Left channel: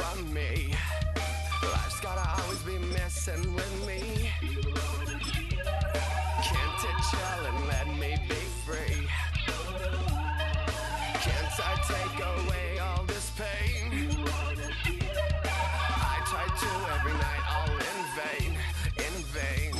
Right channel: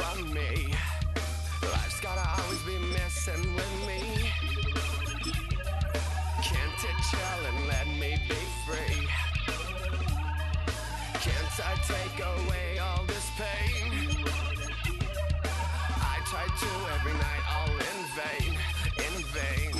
from me. Life's gotta always be messing with me. Can't it chill and let me be free? Can't I take away all this pain? I try to every night, all in vain, in vain.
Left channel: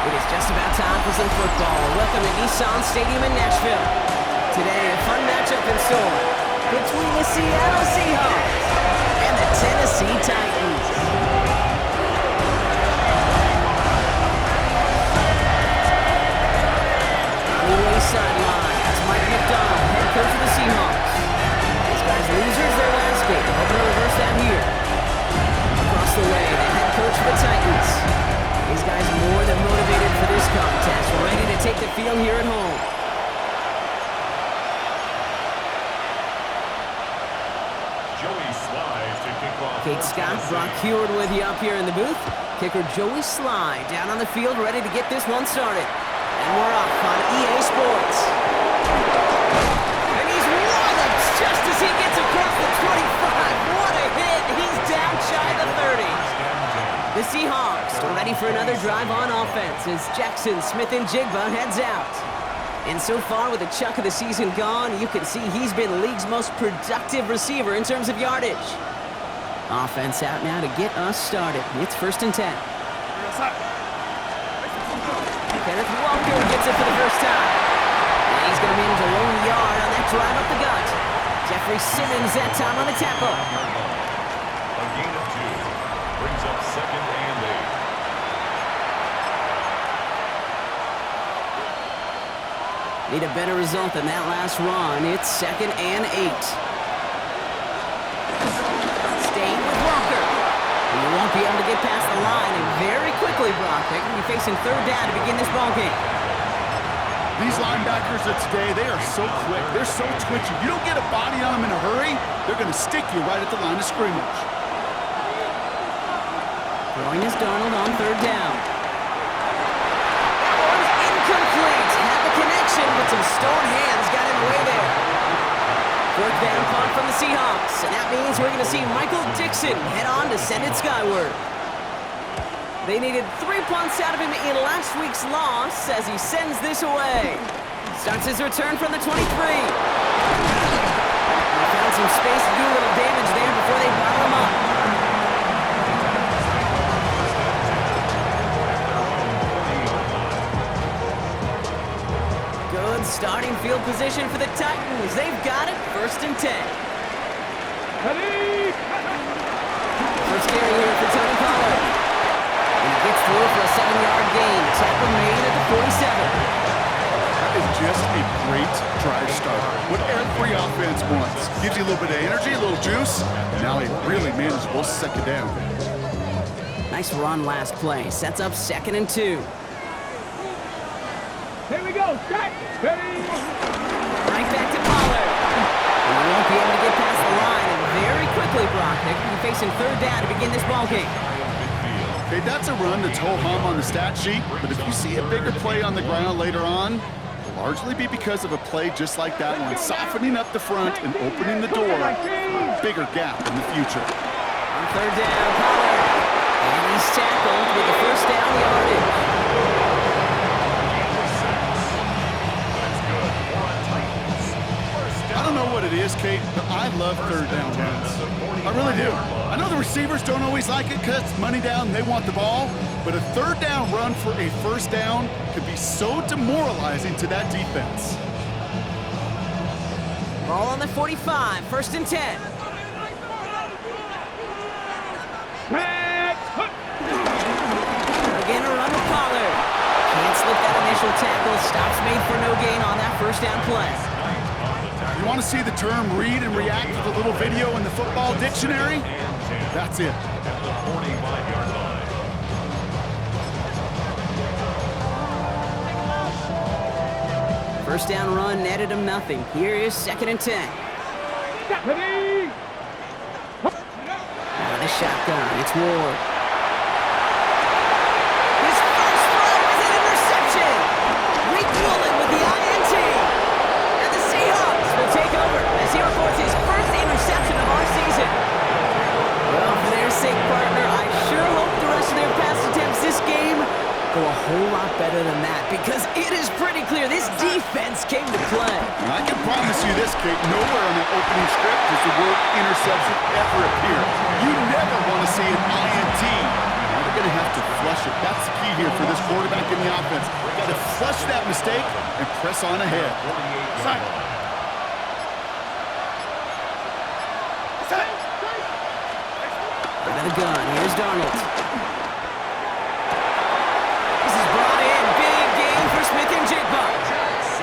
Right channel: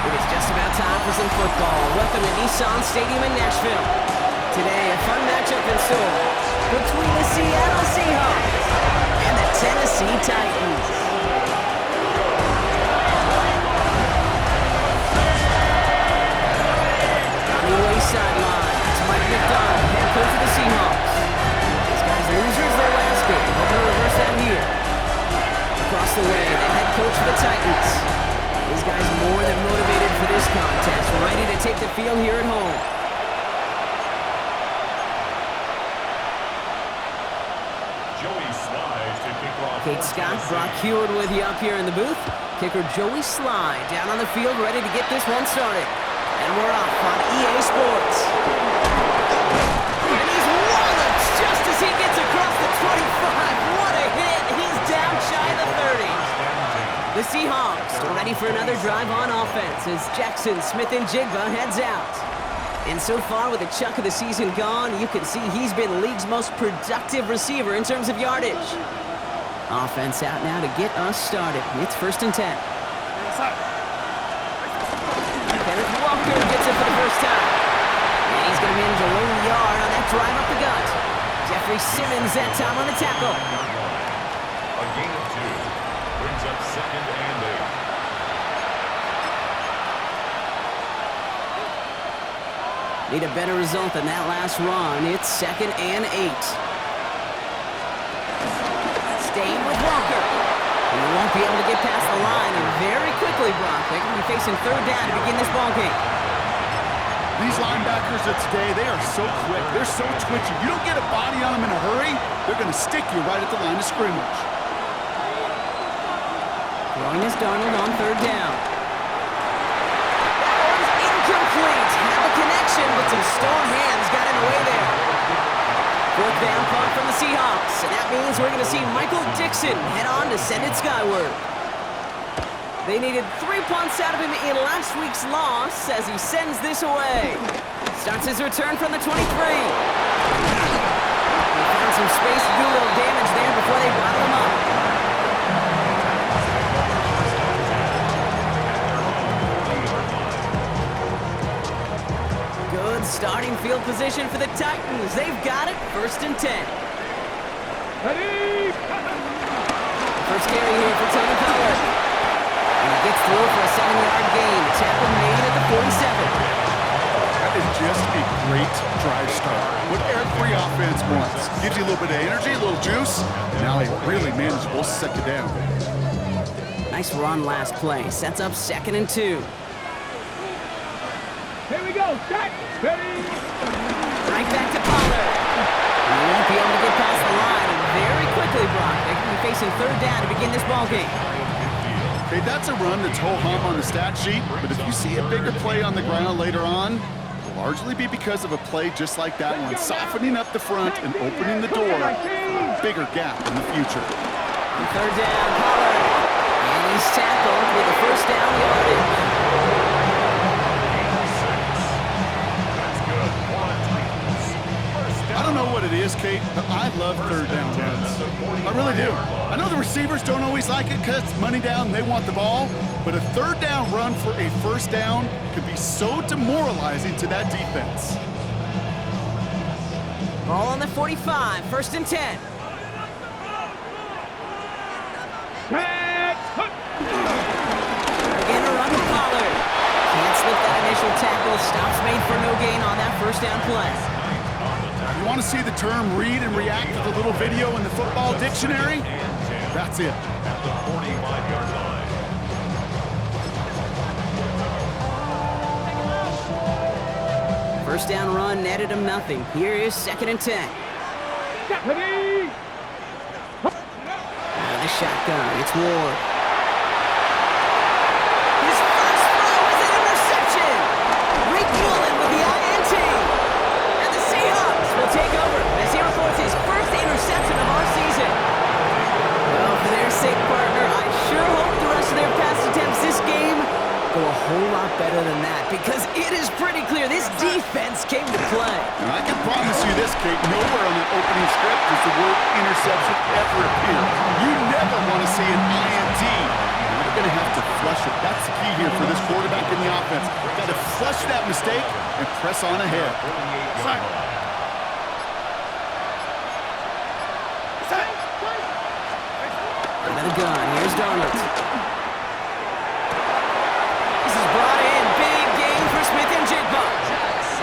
It is just about time for some football. Welcome to Nissan Stadium in Nashville. Today, a fun matchup in store between the Seattle Seahawks and the Tennessee Titans. On the away sideline, that's Mike McDonald, head coach of the Seahawks. These guys losers their last game, hoping to reverse that here. Across the way, the head coach of the Titans. These guys more than motivated for this contest, ready to take the field here at home. Kate Scott, Brock Heward with you up here in the booth. Kicker Joey Sly down on the field, ready to get this one started. And we're off on EA Sports. And he's walloped just as he gets across the 25. What a hit! He's down shy of the 30. The Seahawks are ready for another drive on offense as Jackson Smith-Njigba heads out. And so far, with a chunk of the season gone, you can see he's been the league's most productive receiver in terms of yardage. Offense out now to get us started. It's 1st and 10. Kenneth Walker gets it for the first time. And he's going to manage a lone yard on that drive up the gut. Jeffrey Simmons that time on the tackle. A gain of 2 brings up 2nd and 8. Need a better result than that last run. It's 2nd and 8. Staying with Walker. He won't be able to get past the line, and very quickly, Brock, they're going to be facing 3rd down to begin this ballgame. These linebackers of today, they are so quick. They're so twitchy. You don't get a body on them in a hurry, they're going to stick you right at the line of scrimmage. Throwing is Darnold on 3rd down. That one's incomplete. Had the connection, but some stone hands got in the way there. 4th down punt from the Seahawks, and that means we're going to see Michael Dixon head on to send it skyward. They needed 3 punts out of him in last week's loss as he sends this away. Starts his return from the 23. They found some space to do a little damage there before they bottle him up. Good starting field position for the Titans. They've got it, 1st and 10. Ready? First carry here for Tony Pollard. And he gets through for a 7-yard gain. The tackle made at the 47. That is just a great drive start. What every offense wants. Gives you a little bit of energy, a little juice, and now a really manageable 2nd down. Nice run last play. Sets up 2nd and 2. Here we go. Set. Ready? Right back to Pollard. And he won't be able to get past the line. And very quickly, Brock, they're going to be facing 3rd down to begin this ballgame. Okay, that's a run that's ho-hum on the stat sheet, but if you see a bigger play on the ground later on, it'll largely be because of a play just like that one, softening up the front and opening the door for a bigger gap in the future. On 3rd down, Pollard. And he's tackled with the 1st down yardage. I don't know what it is, Kate, but I love 3rd down runs. I really do. I know the receivers don't always like it because it's money down, they want the ball, but a 3rd down run for a 1st down could be so demoralizing to that defense. Ball on the 45, 1st and 10. Again, a run with Pollard. Can't slip that initial tackle. Stops made for no gain on that 1st down play. You want to see the term read and react with a little video in the football dictionary? That's it. At the 45-yard line. First down run netted him nothing. Here is 2nd and 10. Ready? Out of the shotgun, it's Ward. His first sake, partner, I sure hope the rest of their pass attempts this game go a whole lot better than that, because it is pretty clear this defense came to play. And I can promise you this, Kate, nowhere on that opening script does the word interception ever appear. You never want to see an INT. Now they're going to have to flush it. That's the key here for this quarterback in the offense. Got to flush that mistake and press on ahead. Out of the gun, here's Darnold. This is brought in, big gain for Smith and Jigba.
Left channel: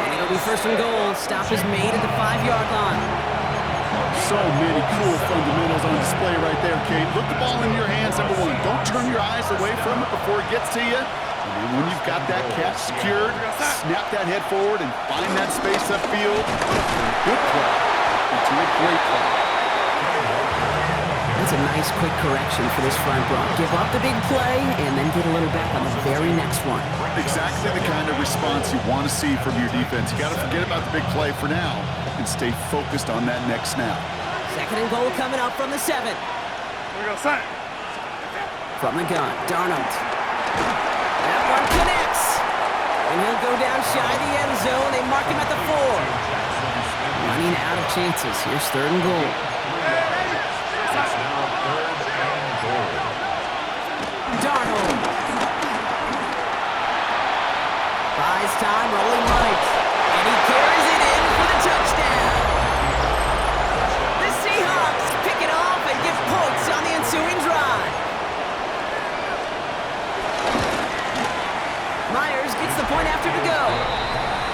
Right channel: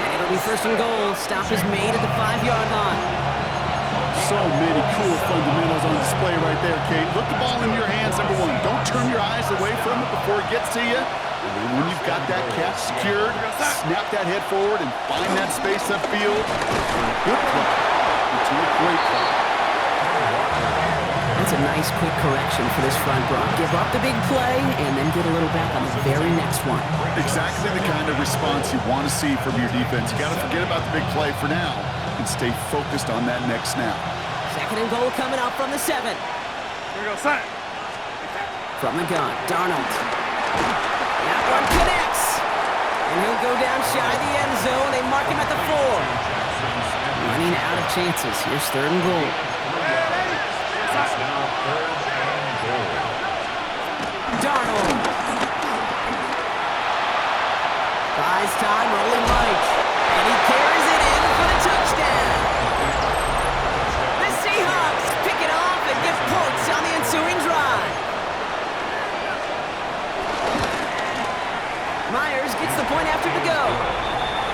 And it'll be first and goal. Stop is made at the 5-yard line. So many cool fundamentals on display right there, Kate. Look the ball in your hands, number one. Don't turn your eyes away from it before it gets to you. And then when you've got that catch secured, snap that head forward and find that space upfield. Good play into a great play. That's a nice quick correction for this front block. Give up the big play and then get a little back on the very next one. Exactly the kind of response you want to see from your defense. You got to forget about the big play for now and stay focused on that next snap. Second and goal coming up from the 7. Here we go, son. From the gun, Darnold. That one connects. And he'll go down shy of the end zone. They mark him at the 4. Running out of chances. Here's third and goal. Darnold. Buys time, rolling right. And he carries it in for the touchdown. The Seahawks pick it off and give points on the ensuing drive. Myers gets the point after to go.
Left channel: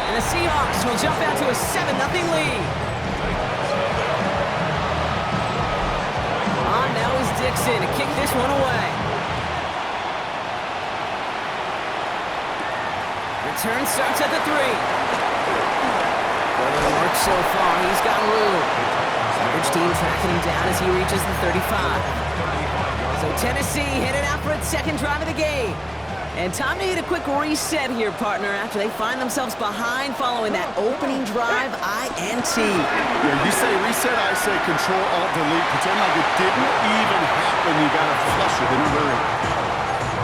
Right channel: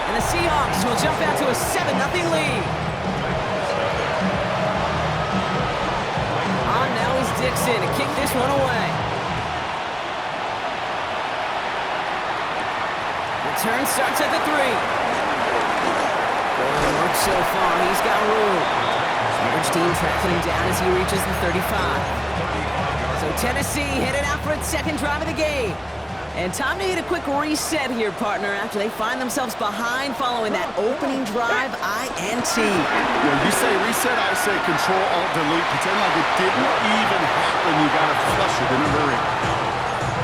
And the Seahawks will jump out to a 7-0 lead. On now is Dixon to kick this one away. Return starts at the 3. Good work so far. He's got room. Coverage team tracking him down as he reaches the 35. So Tennessee headed out for its second drive of the game. And time to hit a quick reset here, partner, after they find themselves behind following that opening drive INT. Yeah, you say reset, I say Control-Alt-Delete. Pretend like it didn't even happen. You got to flush it in a hurry.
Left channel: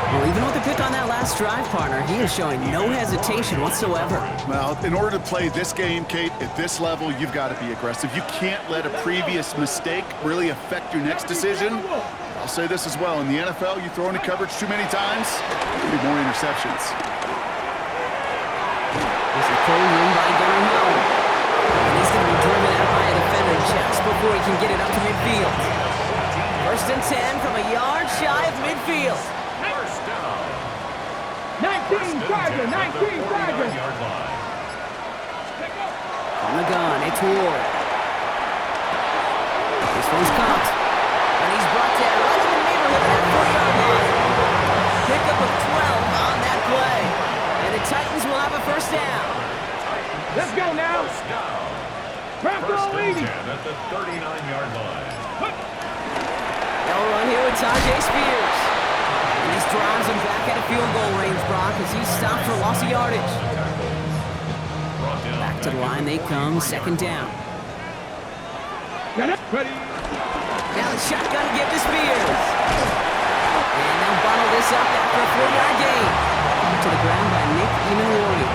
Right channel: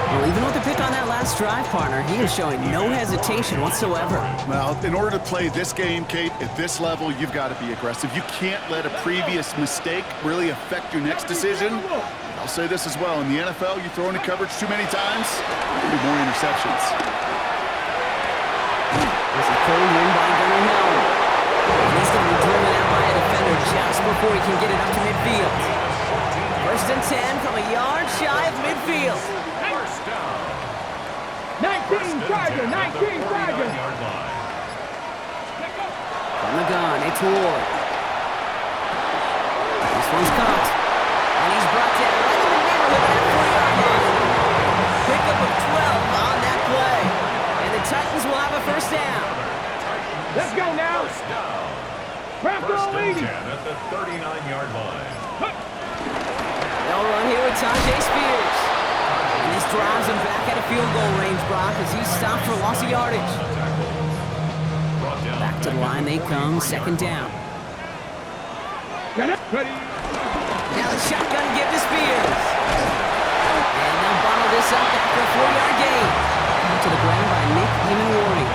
Well, even with the pick on that last drive, partner, he is showing no hesitation whatsoever. Well, in order to play this game, Kate, at this level, you've got to be aggressive. You can't let a previous mistake really affect your next decision. I'll say this as well. In the NFL, you throw into coverage too many times, there'll be more interceptions. This is pulled in by Gunnar Hill. And he's going to be driven out by a defender just before he can get it up to midfield. First and 10 from a yard shy of midfield. 19 Charger, 19 Charger. From the gun, it's Ward. This one's caught. And he's brought down right in the neighborhood of that 40-yard line. Pickup of 12 on that play. And the Titans will have a first down. Let's go now. First and 10 at the 39-yard line. They'll run here with Tajay Spears. And this drives him back at a field goal range, Brock, as he's stopped for loss of yardage. Back to the line they come, second down. Ready. Now the shotgun give to Spears. And they'll bottle this up after a 4-yard gain. To the ground by Nick Emanwari.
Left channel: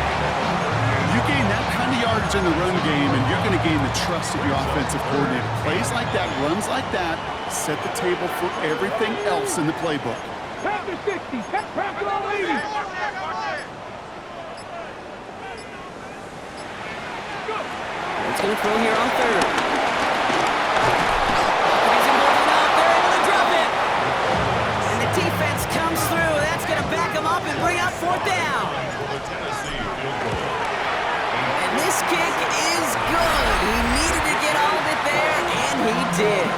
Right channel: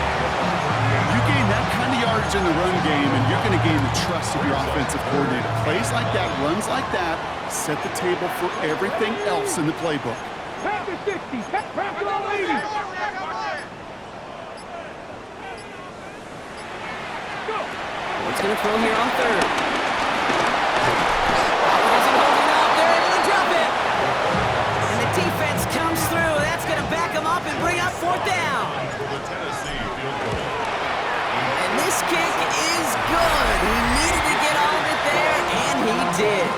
You gain that kind of yardage in the run game, and you're going to gain the trust of your offensive coordinator. Plays like that, runs like that, set the table for everything else in the playbook. Pass to 60. Pass to 80. What's going to throw here on third? Pocket isn't holding up. They're able to drop it. And the defense comes through. That's going to back them up and bring up fourth down. And this kick is good. He needed to get all of it there, and he did.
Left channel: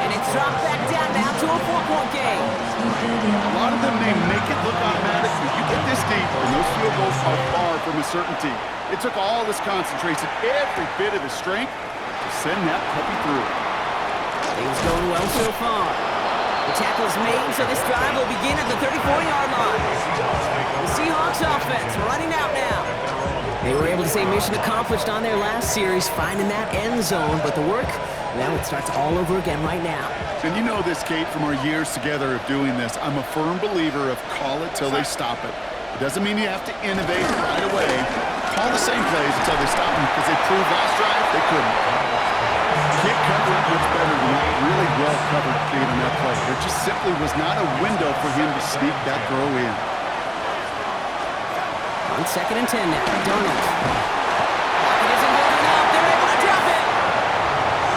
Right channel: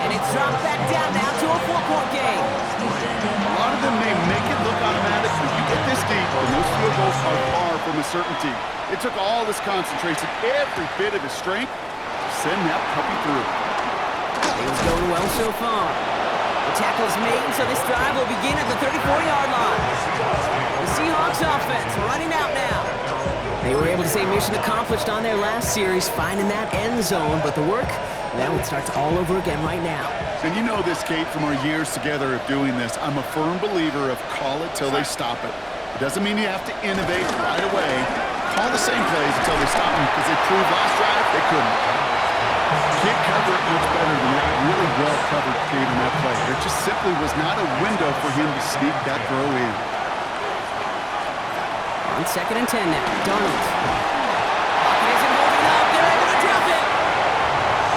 And it's dropped back down now to a 4-point game. A lot of them, they make it look automatic, but you get this deep, and those field goals are far from a certainty. It took all this concentration, every bit of his strength, to send that puppy through. Things going well so far. The tackle's made, so this drive will begin at the 34-yard line. The Seahawks offense running out now. They were able to say mission accomplished on their last series, finding that end zone, but the work Well, it starts all over again right now. And you know this, Kate, from our years together of doing this. I'm a firm believer of call it till they stop it. It doesn't mean you have to innovate right away. Call the same plays until they stop them, because they proved last drive they couldn't. Can't cover it much better than that really well-covered Kate on that play. There just simply was not a window for him to sneak that throw in. On 2nd and 10 now, Darnold. Pocket isn't holding up. They're able to drop it.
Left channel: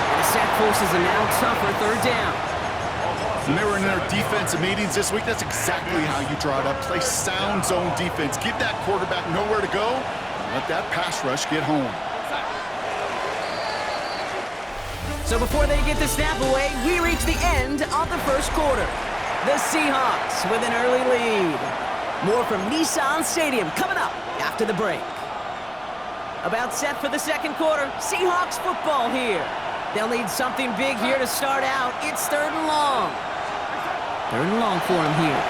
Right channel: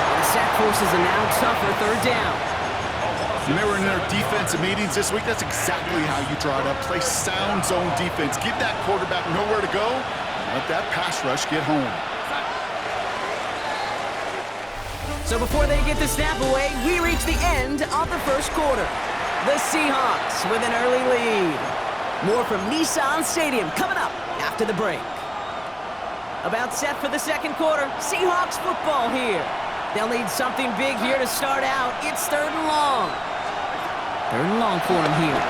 And the sack forces a now tougher 3rd down. When they were in their defensive meetings this week, that's exactly how you draw it up. Play sound zone defense. Give that quarterback nowhere to go, and let that pass rush get home. So before they get the snap away, we reach the end of the 1st quarter. The Seahawks with an early lead. More from Nissan Stadium coming up after the break. About set for the 2nd quarter. Seahawks football here. They'll need something big here to start out. It's 3rd and long. 3rd and long for him here.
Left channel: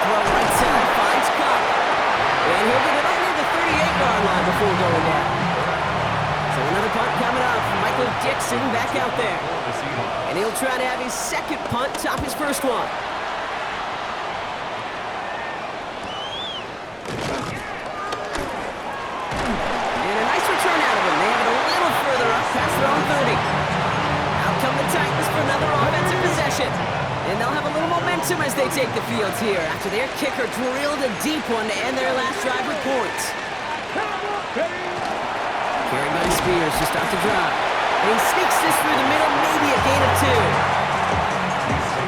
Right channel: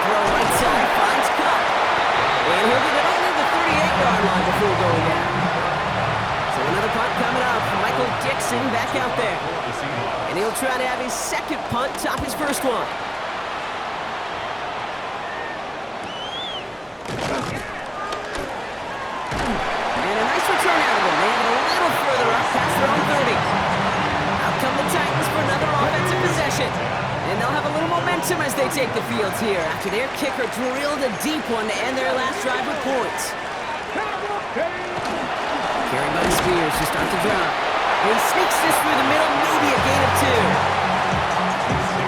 Throw right side, finds Cup. And he'll get it up near the 38-yard line before going down. So another punt coming up. Michael Dixon back out there. And he'll try to have his 2nd punt top his 1st one. And a nice return out of him. They have it a little further up past their own 30. Out come the Titans for another offensive possession. And they'll have a little momentum as they take the field here after their kicker drilled a deep one to end their last drive with points. Carried by Spears to start the drive. And he sneaks this through the middle, maybe a gain of 2.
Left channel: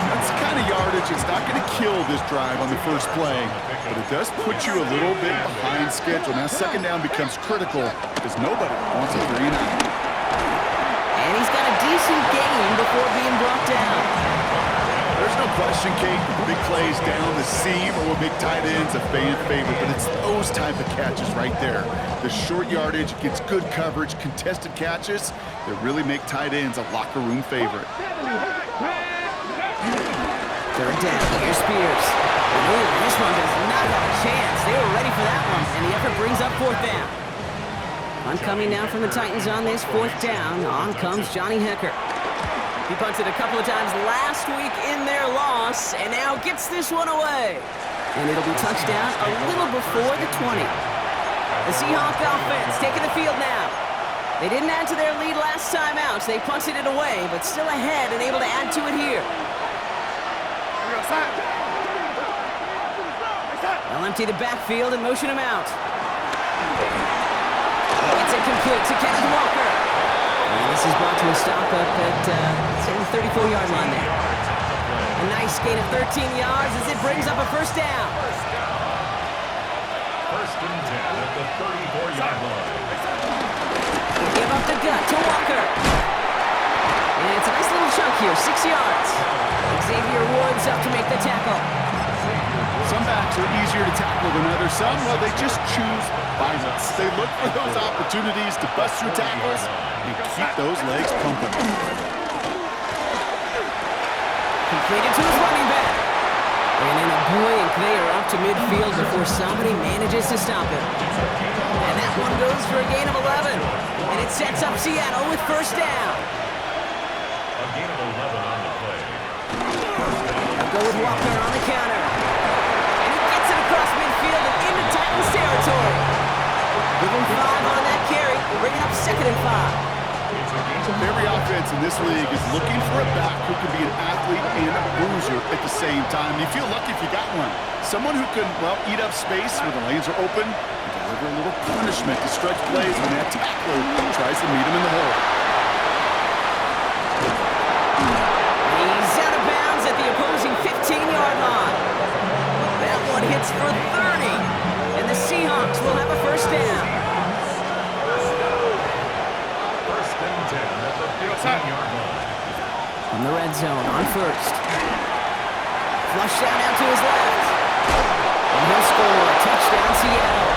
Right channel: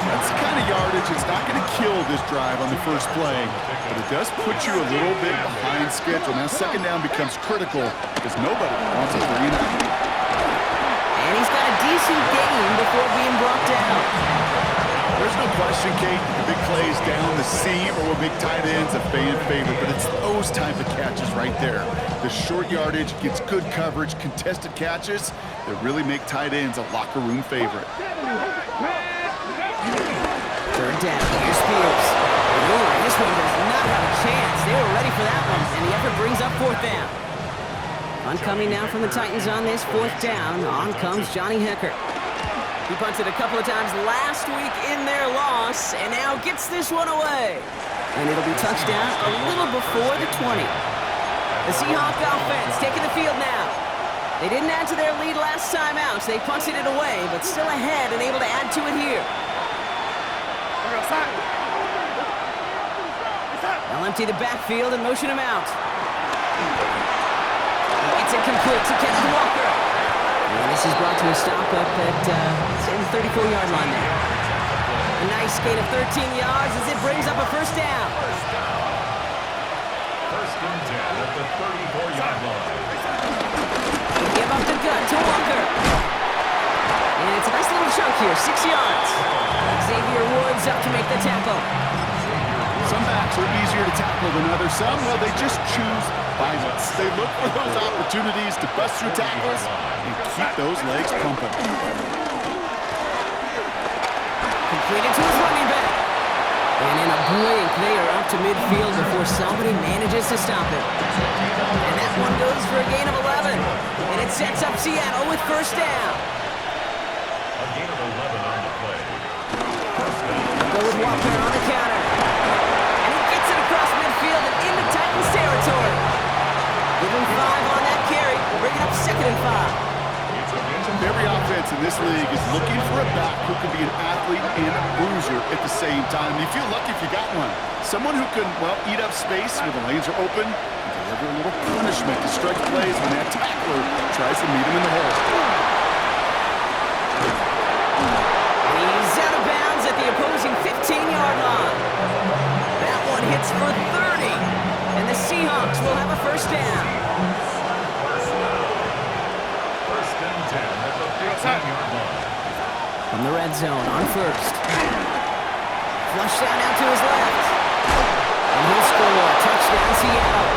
That's the kind of yardage it's not going to kill this drive on the first play, but it does put you a little bit behind schedule. Now 2nd down becomes critical because nobody wants a 3 and out. And he's got a decent gain before being brought down. There's no question, Kate, that the big plays down the seam or with big tight ends a fan favorite, but it's those type of catches right there. The short yardage gets good coverage, contested catches that really make tight ends a locker room favorite. 3rd down, here's Spears. Ooh, this one does not have a chance. They were ready for that one, and the effort brings up 4th down. Punt coming now from the Titans on this 4th down. On comes Johnny Hecker. He punted a couple of times last week in their loss, and now gets this one away. And it'll be touchdown a little before the 20. The Seahawk offense taking the field now. They didn't add to their lead last time out, so they punted it away, but still ahead and able to add to it here. They'll empty the backfield and motion him out. It's incomplete to Kenneth Walker. And this is brought to a stop up at, say, the 34-yard line there. A nice gain of 13 yards as it brings up a 1st down. 1st and 10 at the 34-yard line. Give up the gut to Walker. And it's a nice little chunk here, 6 yards. Xavier Woods up to make the tackle. Some backs are easier to tackle than others. Some, well, they just choose violence. They look for those opportunities to bust through tackles and keep those legs pumping. Completed to his running back. And in a blink, they are up to midfield before somebody manages to stop him. And that one goes for a gain of 11. And it sets up Seattle with 1st down. A gain of 11 on the play. They'll go with Walker on the counter. And he gets it across midfield and into Titans territory. Give him 5 on that carry, bringing up 2nd and 5. Every offense in this league is looking for a back who can be an athlete and a bruiser at the same time. You feel lucky if you got one. Someone who can, well, eat up space when the lanes are open and deliver a little punishment to stretch plays when that tackler tries to meet him in the hole. He's out of bounds at the opposing 15-yard line. That one hits for 30, and the Seahawks will have a 1st down. 1st and 10 at the 15-yard line. From the red zone on 1st. Flush down out to his left. And he'll score. Touchdown, Seattle.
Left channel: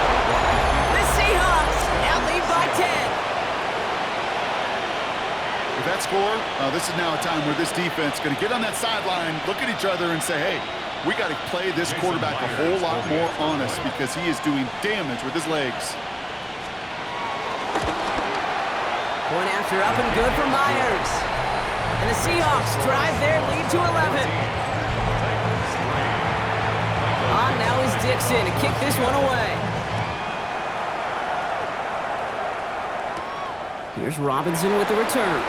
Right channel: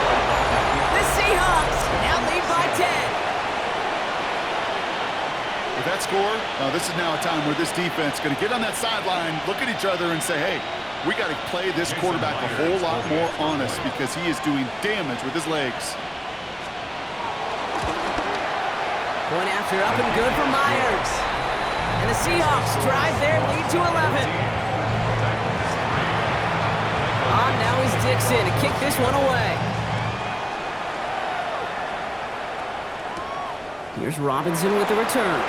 The Seahawks now lead by 10. With that score, this is now a time where this defense is going to get on that sideline, look at each other, and say, hey, we got to play this quarterback a whole lot more honest because he is doing damage with his legs. Point after up and good for Myers. And the Seahawks drive their lead to 11. On now is Dixon to kick this one away. Here's Robinson with the return.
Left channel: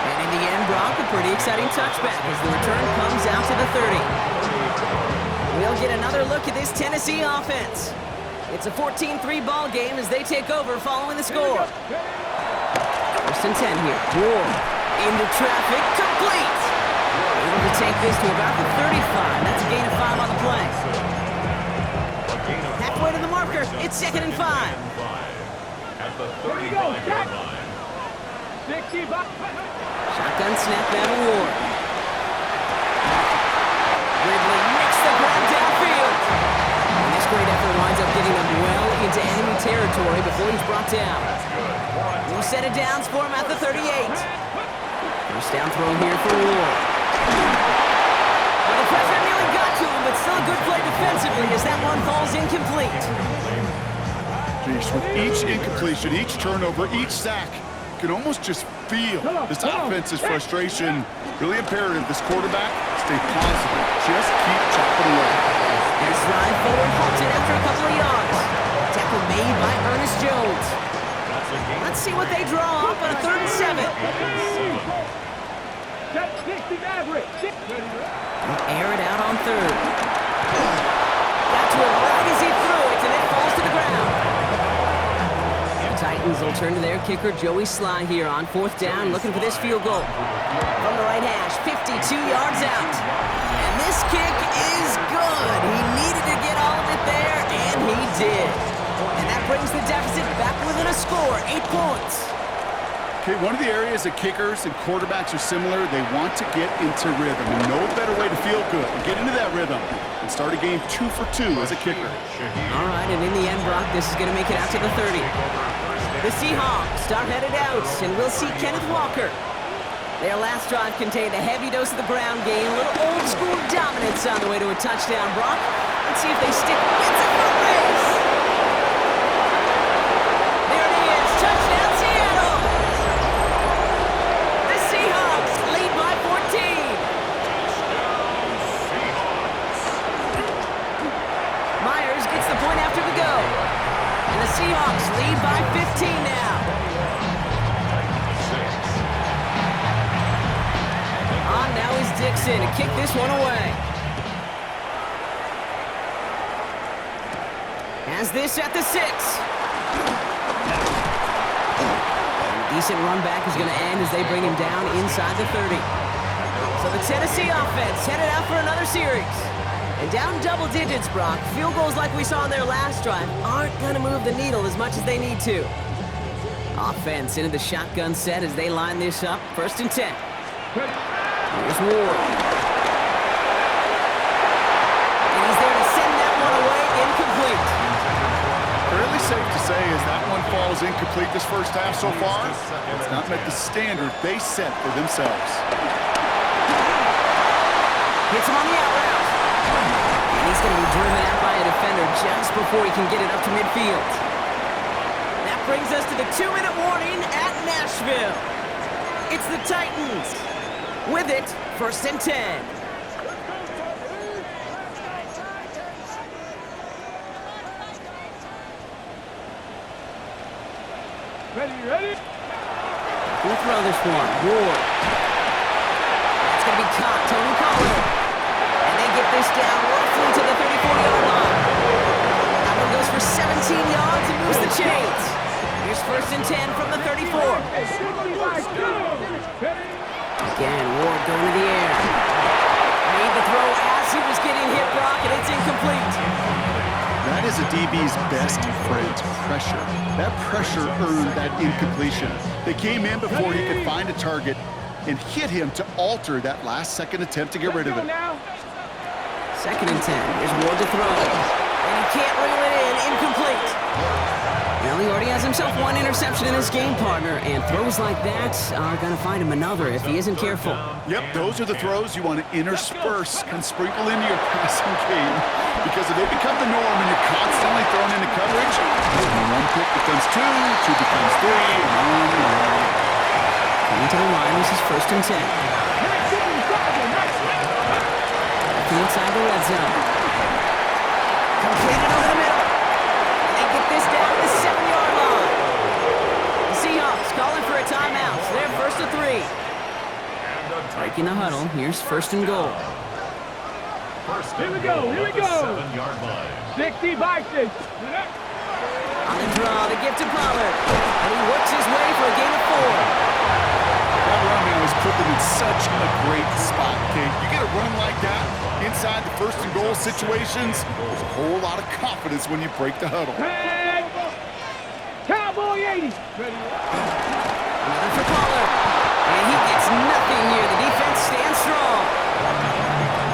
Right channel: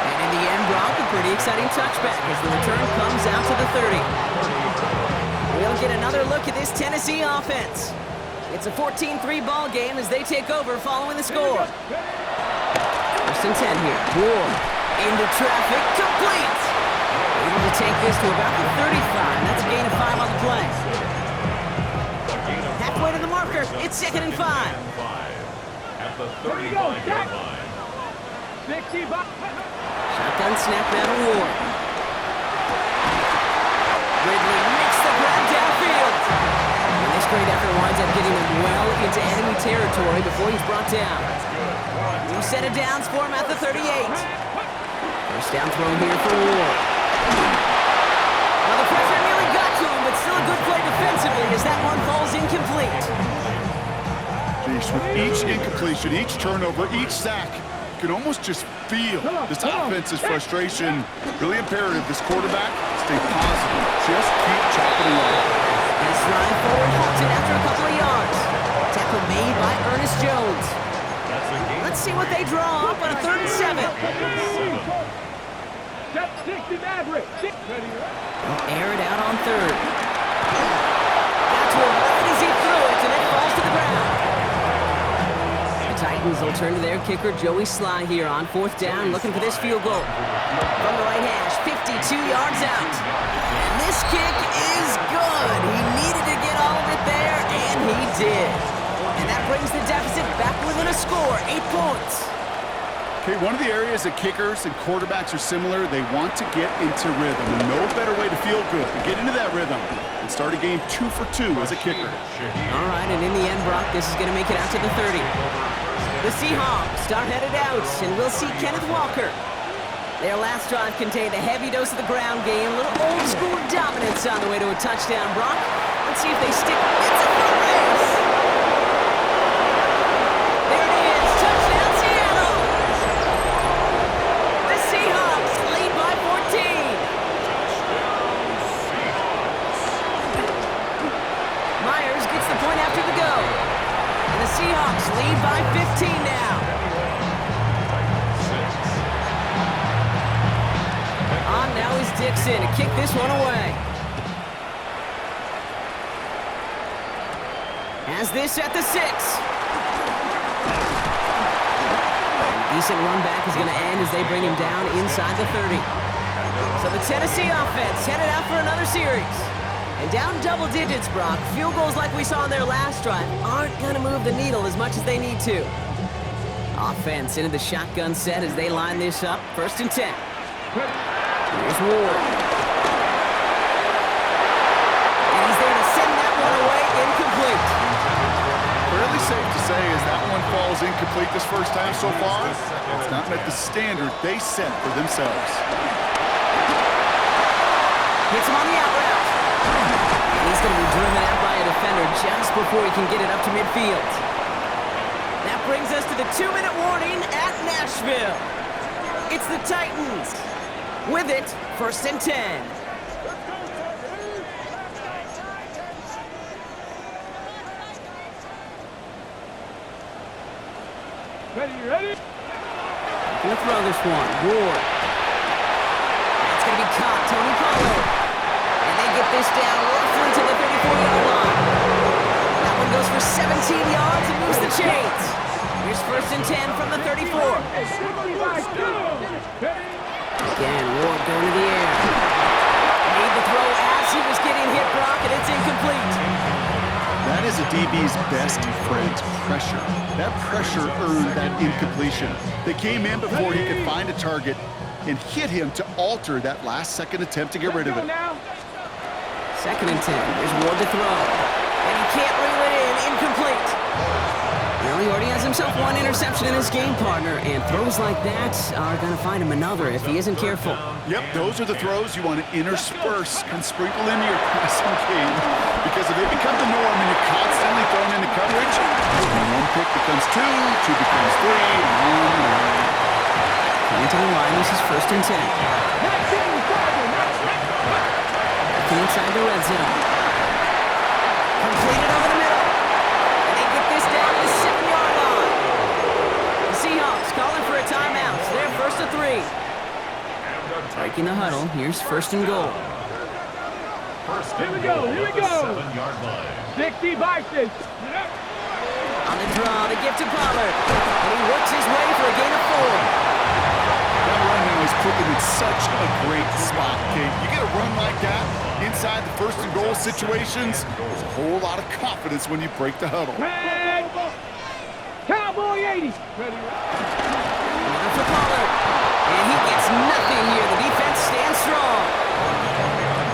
And in the end, Brock, a pretty exciting touchback as the return comes out to the 30. We'll get another look at this Tennessee offense. It's a 14-3 ball game as they take over following the score. First and 10 here. Ward into traffic, complete. Able to take this to about the 35. That's a gain of 5 on the play. Halfway to the marker. It's 2nd and 5. At the 35-yard line. 65. Shotgun snap down to Ward. Ridley makes the grab downfield. And this great effort winds up getting him well into enemy territory before he's brought down. New set of downs for him at the 38. First down throw here for Ward. Now the pressure nearly got to him, but still a good play defensively as that one falls incomplete. Jeez, with each incompletion, each turnover, each sack, you can almost just feel this offense's frustration. Really imperative this quarterback stay positive. Just keep chopping away. This drive forward halted after a couple of yards. Tackle made by Ernest Jones. Let's see what they draw up on a 3rd and 7. They'll air it out on 3rd. Got to him right as he threw it, and it falls to the ground. The Titans will turn to their kicker, Joey Sly, here on 4th down, looking for this field goal. From the right hash, 52 yards out. And this kick is good. He needed to get all of it there, and he did. And that brings the deficit back within a score, 8 points. Okay, one of the areas that kickers and quarterbacks are similar, they want to get into rhythm. And no better way to feel good and get into that rhythm and start a game 2 for 2 as a kicker. All right, and in the end, Brock, this is going to make it out to the 30. The Seahawks start headed out, and we'll see Kenneth Walker. Their last drive contained a heavy dose of the ground game, a little old-school dominance on the way to a touchdown. Brock, let's see if they stick. It's a foot race! There it is, touchdown Seattle! The Seahawks lead by 14. Myers gets the point after the go. And the Seahawks lead by 15 now. On now is Dixon to kick this one away. Has this at the 6. And a decent run back is going to end as they bring him down inside the 30. So the Tennessee offense headed out for another series. And down double digits, Brock. Field goals like we saw in their last drive aren't going to move the needle as much as they need to. Offense into the shotgun set as they line this up. 1st and 10. Here's Ward. And he's there to send that one away, incomplete. Fairly safe to say as that one falls incomplete this first half so far, it's not met the standard they set for themselves. Hits him on the out route. And he's going to be driven out by a defender just before he can get it up to midfield. That brings us to the 2-minute warning at Nashville. It's the Titans. With it, 1st and 10. Ready? Gonna throw this one. Ward. That's gonna be caught. Tony Pollard. And they get this down roughly to the 34-yard line. That one goes for 17 yards and moves the chains. Here's 1st and 10 from the 34. Again, Ward going to the air. Made the throw as he was getting hit, Brock, and it's incomplete. That is a DB's best friend, pressure. That pressure earned that incompletion. They came in before he could find a target and hit him to alter that last-second attempt to get rid of it. 2nd and 10. Here's Ward to throw. And he can't reel it in. Incomplete. Well, he already has himself one interception in his game, partner, and throws like that are going to find him another if he isn't careful. Yep, those are the throws you want to intersperse and sprinkle into your passing game. Because if they become the norm and you're constantly thrown into coverage, one pick becomes two becomes three, and on and on. Coming to the line, this is 1st and 10. Looking inside the red zone. Completed over the middle. And they get this down to the 7-yard line. The Seahawks calling for a timeout. So they're 1st and 3. Breaking the huddle. Here's 1st and goal. Here we go. 7-yard line. 60 boxes. On the draw, the gift to Pollard. And he works his way for a gain of 4. That run now has put them in such a great spot, Kate. You get a run like that inside the 1st and goal situations, there's a whole lot of confidence when you break the huddle. Cowboy 80. Another for Pollard. And he gets nothing here. The defense stands strong.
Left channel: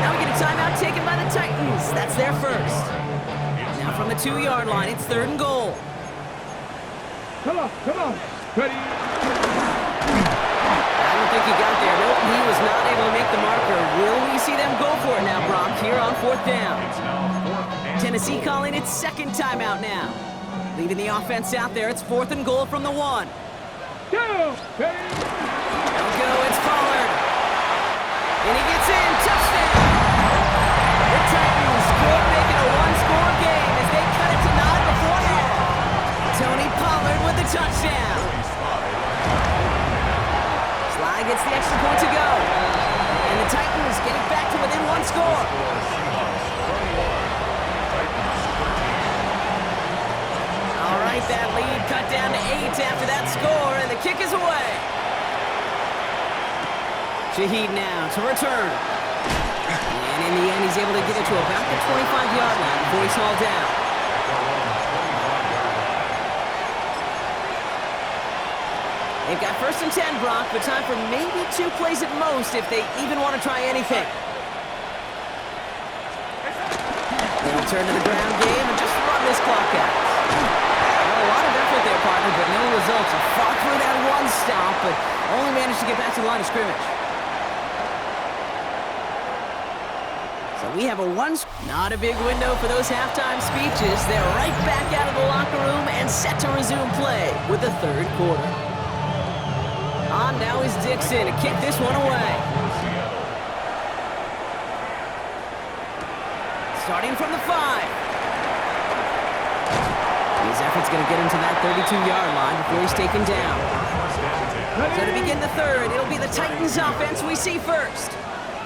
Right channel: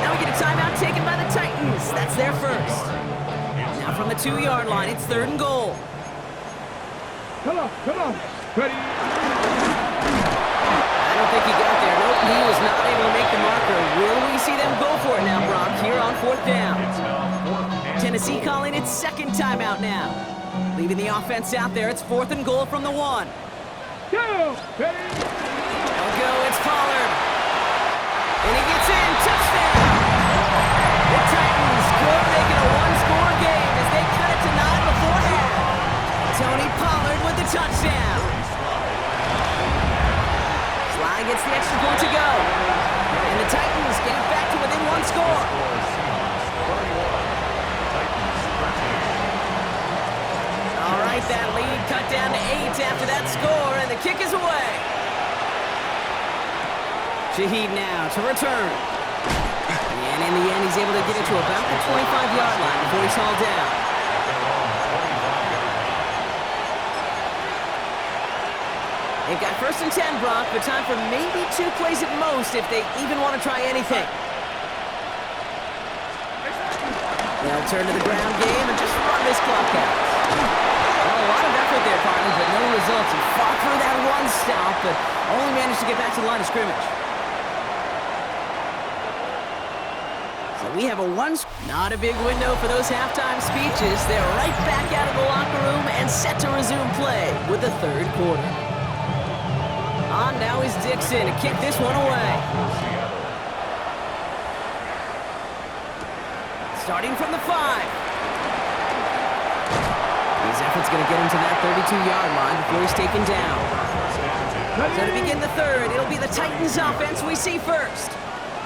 Now we get a timeout taken by the Titans. That's their first. Now from the 2-yard line, it's 3rd and goal. Come on. Ready. I don't think he got there. Nope, he was not able to make the marker. Will we see them go for it now, Brock, here on 4th down? Tennessee calling its 2nd timeout now. Leading the offense out there, it's 4th and goal from the 1. Go. Ready. There we go, it's Pollard. And he gets in, touchdown! The Titans could make it a one-score game as they cut it to 9 before half. Tony Pollard with the touchdown. Sly gets the extra point to go. And the Titans get it back to within 1 score. Seahawks 31, Titans 13. All right, that lead cut down to 8 after that score, and the kick is away. Shaheed now to return. And in the end, he's able to get it to about the 25-yard line before he's hauled down. At their own 25-yard line. They've got 1st and 10, Brock, but time for maybe 2 plays at most if they even want to try anything. They'll turn to the ground game and just run this clock out. Well, a lot of effort there, partner, but no results. He fought through that run stop, but only managed to get back to the line of scrimmage. So we have a not a big window for those halftime speeches. They're right back out of the locker room and set to resume play with the 3rd quarter. On now is Dixon to kick this one away. Starting from the 5. His effort's going to get him to that 32-yard line before he's taken down. So to begin the 3rd, it'll be the Titans offense we see first.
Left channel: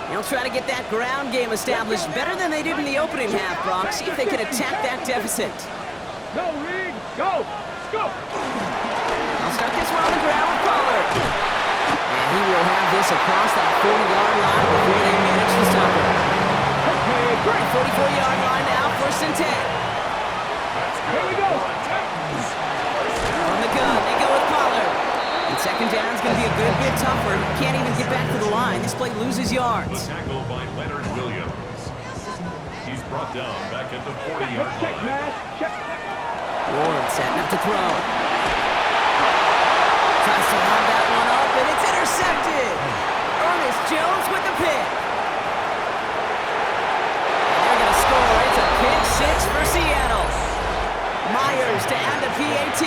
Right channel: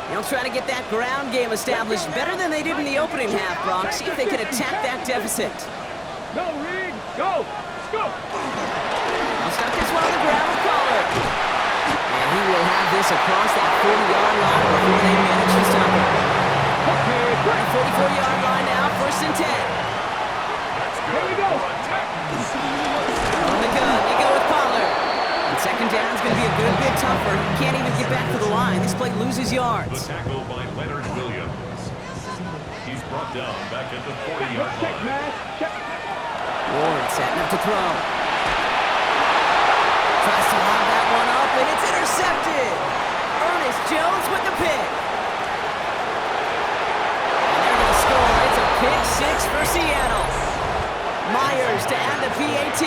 They'll try to get that ground game established better than they did in the opening half, Brock. See if they can attack that deficit. Go, Reed. Go. They'll start this one on the ground with Pollard. And he will have this across that 40-yard line before they manage to stop him. Okay, On the 44-yard line now, 1st and 10. here we go. On the gun, they go with Pollard. And 2nd down is going to be a good bit tougher. He can't even get back to the line. This play loses yards. The tackle by Leonard Williams. He's brought down back at the 40-yard Check, line. man. Check. Ward setting up to throw. Tries to lob that one up, and it's intercepted. Ernest Jones with the pick. And they're going to score. It's a pick 6 for Seattle. Myers to add the PAT.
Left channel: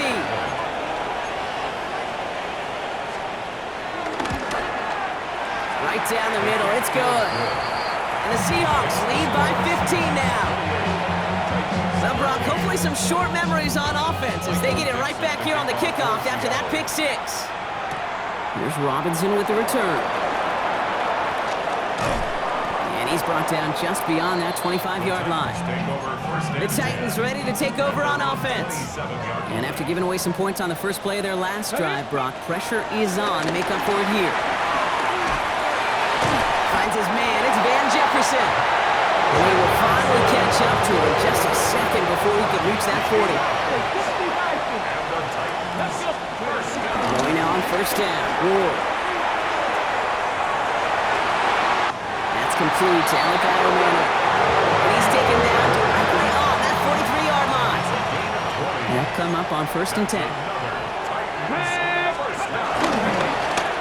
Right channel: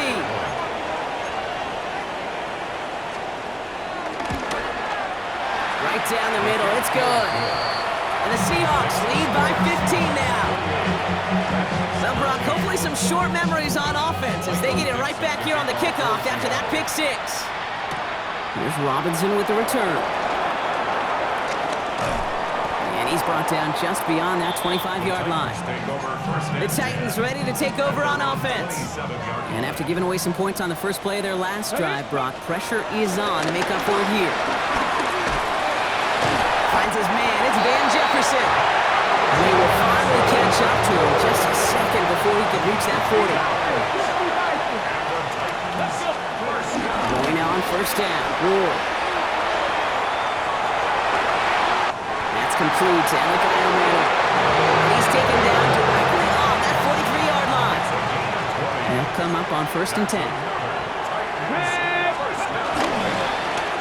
Right down the middle. It's good. And the Seahawks lead by 15 now. Well, Brock, hopefully some short memories on offense as they get it right back here on the kickoff after that pick 6. Here's Robinson with the return. And he's brought down just beyond that 25-yard line. The Titans ready to take over on offense. And after giving away some points on the first play of their last drive, Brock, pressure is on to make up for it here. Finds his man, it's Van Jefferson. And he will finally catch up to him just a second before he can reach that 40. Going now on 1st down, Ward. That's complete to Alec Iomana. And he's taken down directly on that 43-yard line. they'll come up on 1st and 10.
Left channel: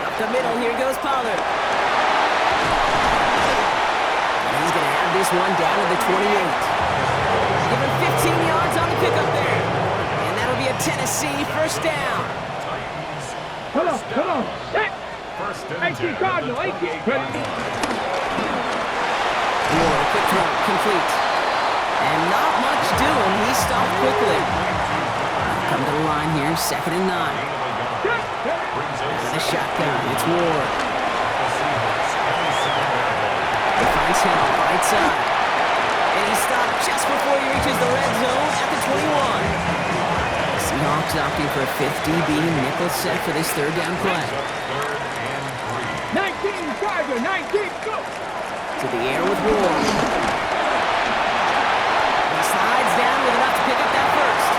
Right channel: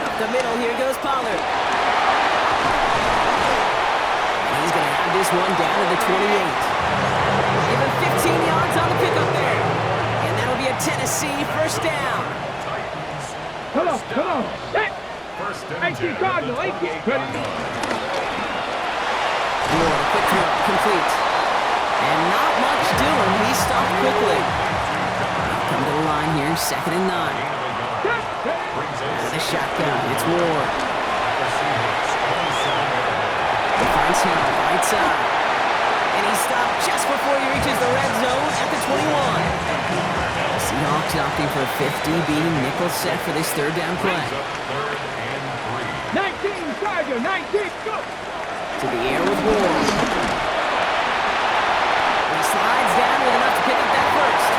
Up the middle, here goes Pollard. And he's going to have this one down to the 28. Give him 15 yards on the pickup there. And that'll be a Tennessee 1st down. Come on. Set. 18 Cardinal, 18. Ready. Ward, a quick throw, complete. And not much doing. He stopped quickly. Come to the line here, 2nd and 9. Out of the shotgun, it's Ward. He finds Hill, right side. And he stopped just before he reaches the red zone at the 21. The Seahawks opting for a 5th DB nickel set for this 3rd down play. 19 Tiger, 19, go. To the air with Ward. He slides down with enough to pick up that 1st.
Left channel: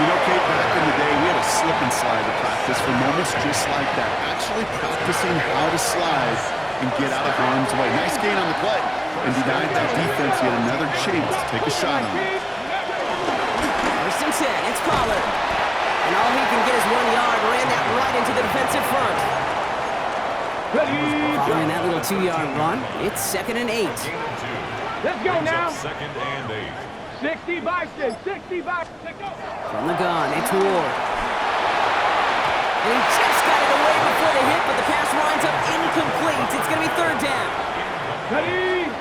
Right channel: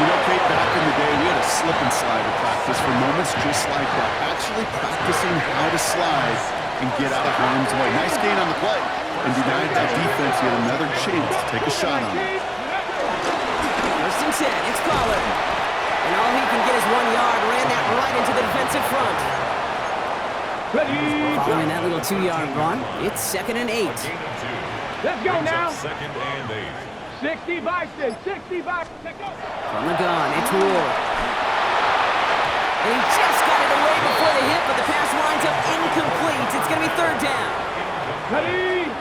You know, Kate, back in the day, we had a slip and slide to practice for moments just like that. Actually practicing how to slide and get out of harm's way. Nice gain on the play, and denied that defense yet another chance to take a shot on it. 1st and 10, it's Pollard. And all he can get is 1 yard, ran that right into the defensive front. Ready. Following that little 2-yard run, it's 2nd and 8. Let's go now. 2nd and 8. 60 Bison, 60 Bison. Go. From the gun, it's Ward. And he just got it away before the hit, but the pass winds up incomplete. It's going to be 3rd down. Ready.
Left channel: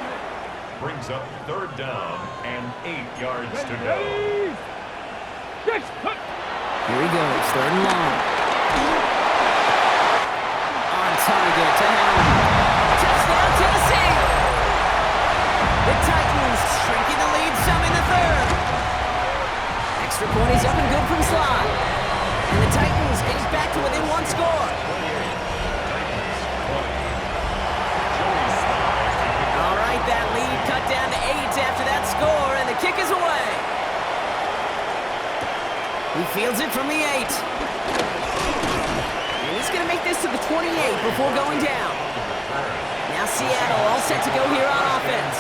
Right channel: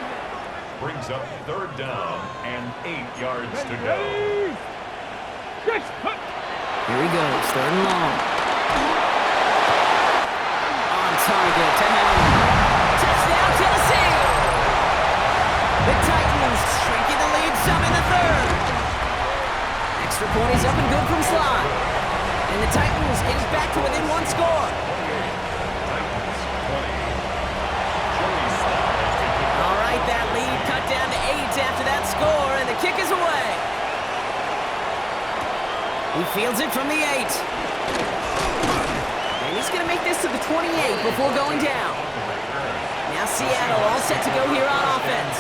Brings up 3rd down and 8 yards to go. Ready. 6. Here he goes, 3rd and long. On target to Helm. Touchdown, Tennessee! The Titans shrinking the lead some in the 3rd. Extra point is up and good from Slot. And the Titans is back to within 1 score. 28. Titans 20. Joey slides to kick All right, that lead cut down to 8 after that score, and the kick is away. He fields it from the 8. And he's going to make this to the 28 before going down. Now Seattle all set to go here on offense.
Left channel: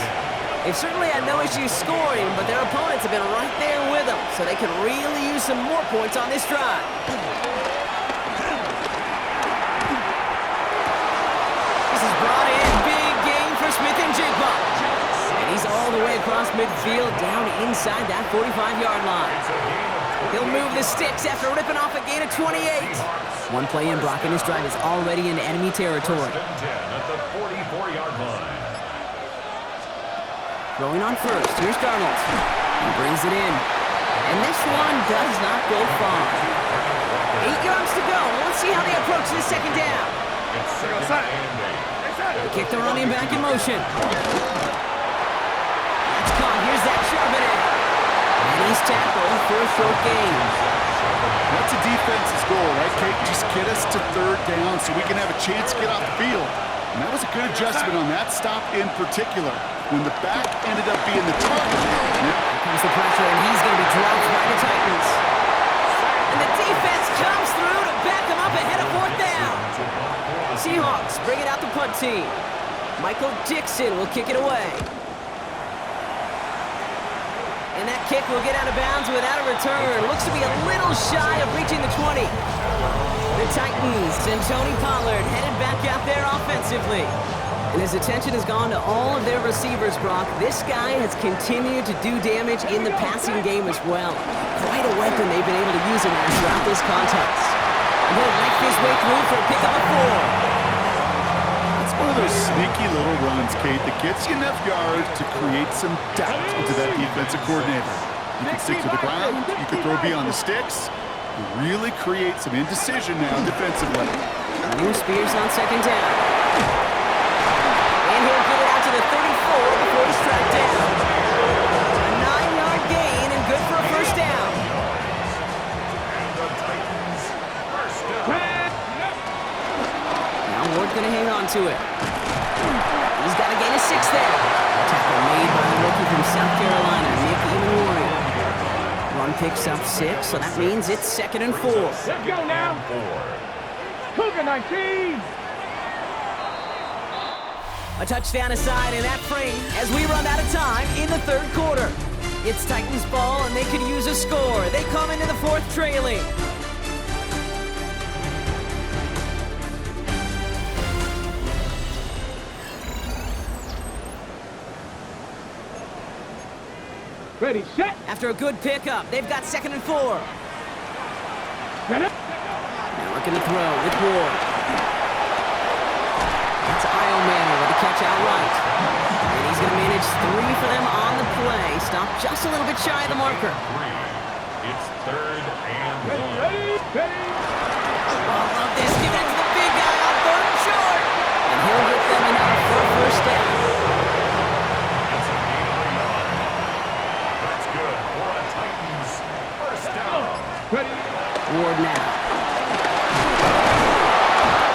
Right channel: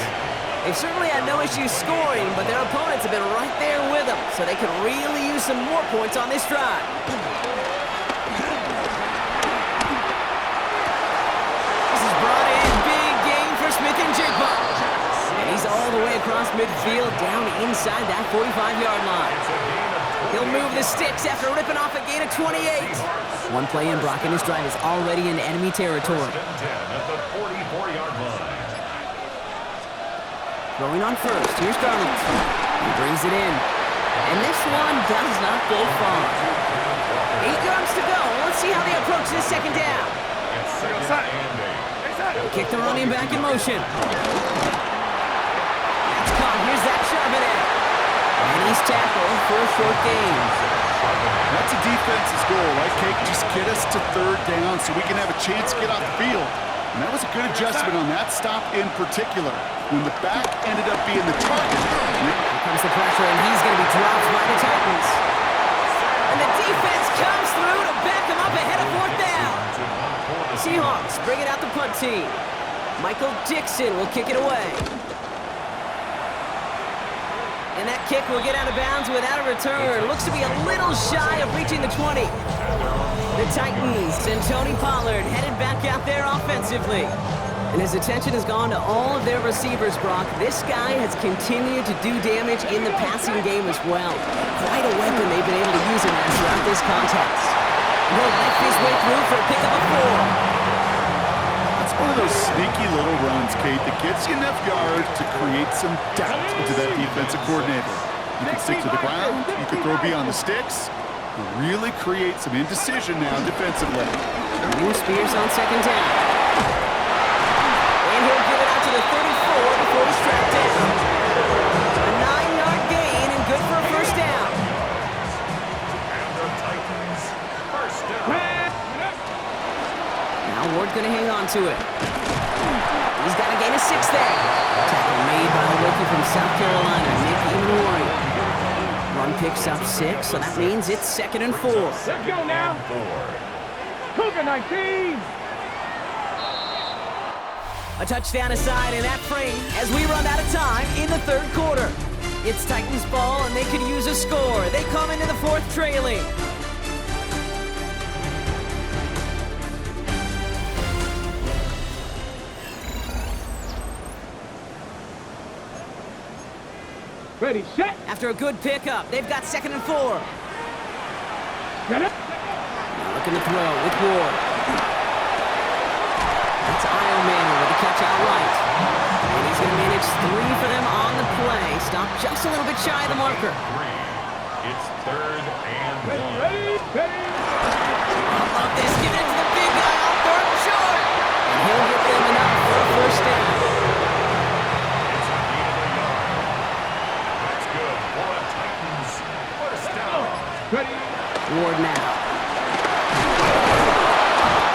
They've certainly had no issues scoring, but their opponents have been right there with them, so they can really use some more points on this drive. This is brought in. Big game for Smith-Njigba. And he's all the way across midfield, down inside that 45-yard line. He'll move the sticks after ripping off a gain of 28. One play in, Brock, and his drive is already in enemy territory. 10 at the 44-yard line. Throwing on 1st, here's Darnold. He brings it in. And this one does not go far. 8 yards to go. Let's see how they approach this 2nd down. It's 2nd and 8. Kick the running back in motion. That's caught. Here's Zach Charbonnet. And he's tackled for a short gain. That's a defense's goal, right, Kate? Just get us to 3rd down so we can have a chance to get off the field. And that was a good adjustment on that stop in particular, when the back ended up being the target. Here comes the pressure, and he's going to be dropped by the Titans. And the defense comes through to back him up ahead of 4th down. Seahawks bring it out the punt team. Michael Dixon will kick it away. And that kick will get out of bounds without a return. Looks to be a little shy of reaching the 20. The Titans and Tony Pollard headed back out there offensively. And his attention has gone to all of their receivers, Brock. This guy has continued to do damage in the passing game as well. Quite a weapon they've been able to use him as throughout this contest. And he'll knife his way through for a pickup of 4. It's one of those sneaky little runs, Kate, that gets you enough yards to create some doubt into that defensive coordinator. You can stick to the ground, you can throw beyond the sticks, you really create some indecision now defensively. New Spears on 2nd down. And he'll get it out to the 34 before he's tracked down. A 9-yard gain and good for a 1st down. And the Titans 1st down. Now Ward going to hang on to it. He's got a gain of 6 there. Tackle made by the rookie from South Carolina, Nick Emanwari. Run picks up 6, so that means it's 2nd and 4. Let's go now. 4. Cougar 19. A touchdown aside in that frame as we run out of time in the 3rd quarter. It's Titans ball, and they could use a score. They come into the fourth trailing. Ready, set. After a good pickup, they've got 2nd and 4. Get it. Now looking to throw with Ward. That's Io Manor with the catch out right. And he's going to manage 3 for them on the play. Stop just a little bit shy of the marker. It's 3rd and 1. Ready, ready. Oh, love this. Giving it to the big guy on 3rd and short. And he'll get them enough for a first down. It's a gain of a yard. That's good for a Titans first down. Ready. Ward now.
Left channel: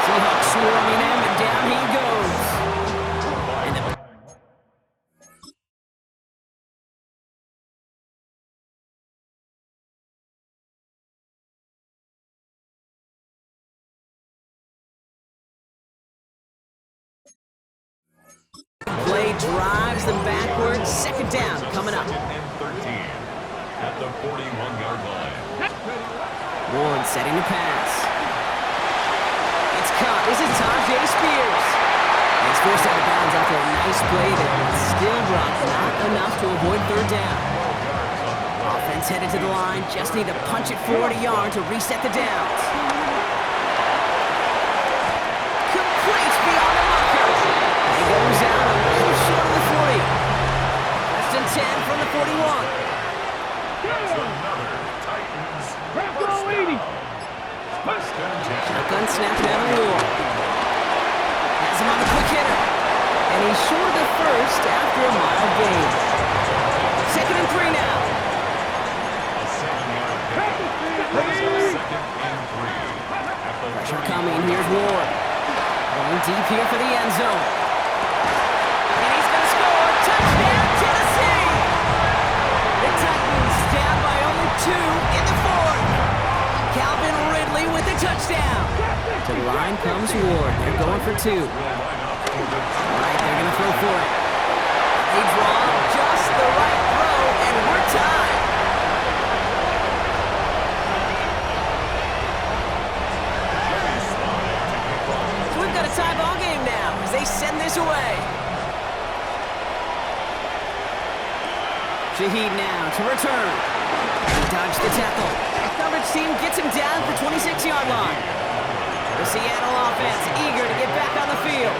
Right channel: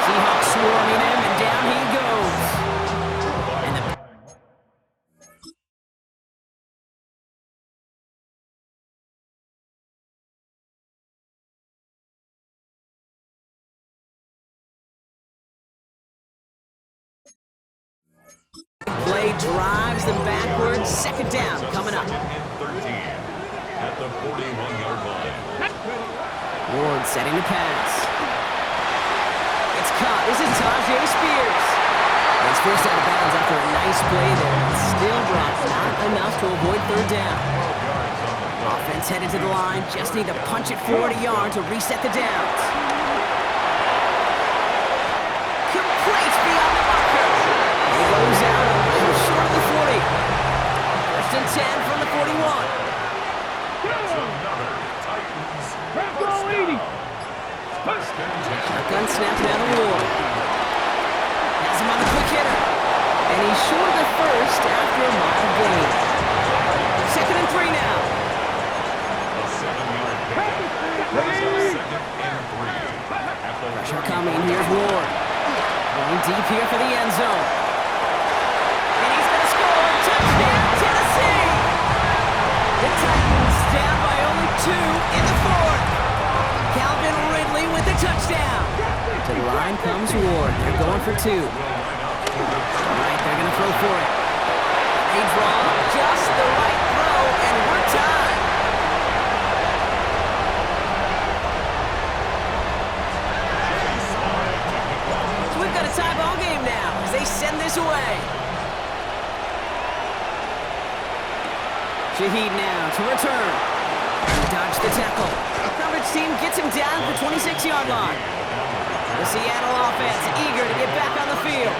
Seahawks swarming him, and down he goes. And the play drives them backwards. 2nd down coming up. 2nd and 13 at the 41-yard line. Ward setting the pass. It's caught. This is Tajay Spears. And he's forced out of bounds after a nice play there, but still brought not enough to avoid 3rd down. 12 yards on the play. Offense headed to the line. Just need to punch it 40 yards to reset the downs. Complete beyond the marker. And he goes out a little short of the 40. 1st and 10 from the 41. That's another Titans Grab first the leading. down. 1st and 10. Shotgun snap down the Ward. Has him on the quick hitter. And he's short of the first after a mild gain. 2nd and 3 now. A 7-yard pickup. Brings up 2nd and 3 at the Pressure 31. coming. Here's Ward. Going deep here for the end zone. And he's going to score. Touchdown, Tennessee! The Titans down by only 2 in the 4th. Calvin Ridley with the touchdown. To the line comes Ward. They're going for 2. Will line up for the All right, they're going to throw for it. They draw just the right throw, and we're tied. So we've got a tie ball game now as they send this away. Shaheed now to return. He dodged the tackle. Coverage team gets him down at the 26-yard line. The Seattle offense eager to get back on the field.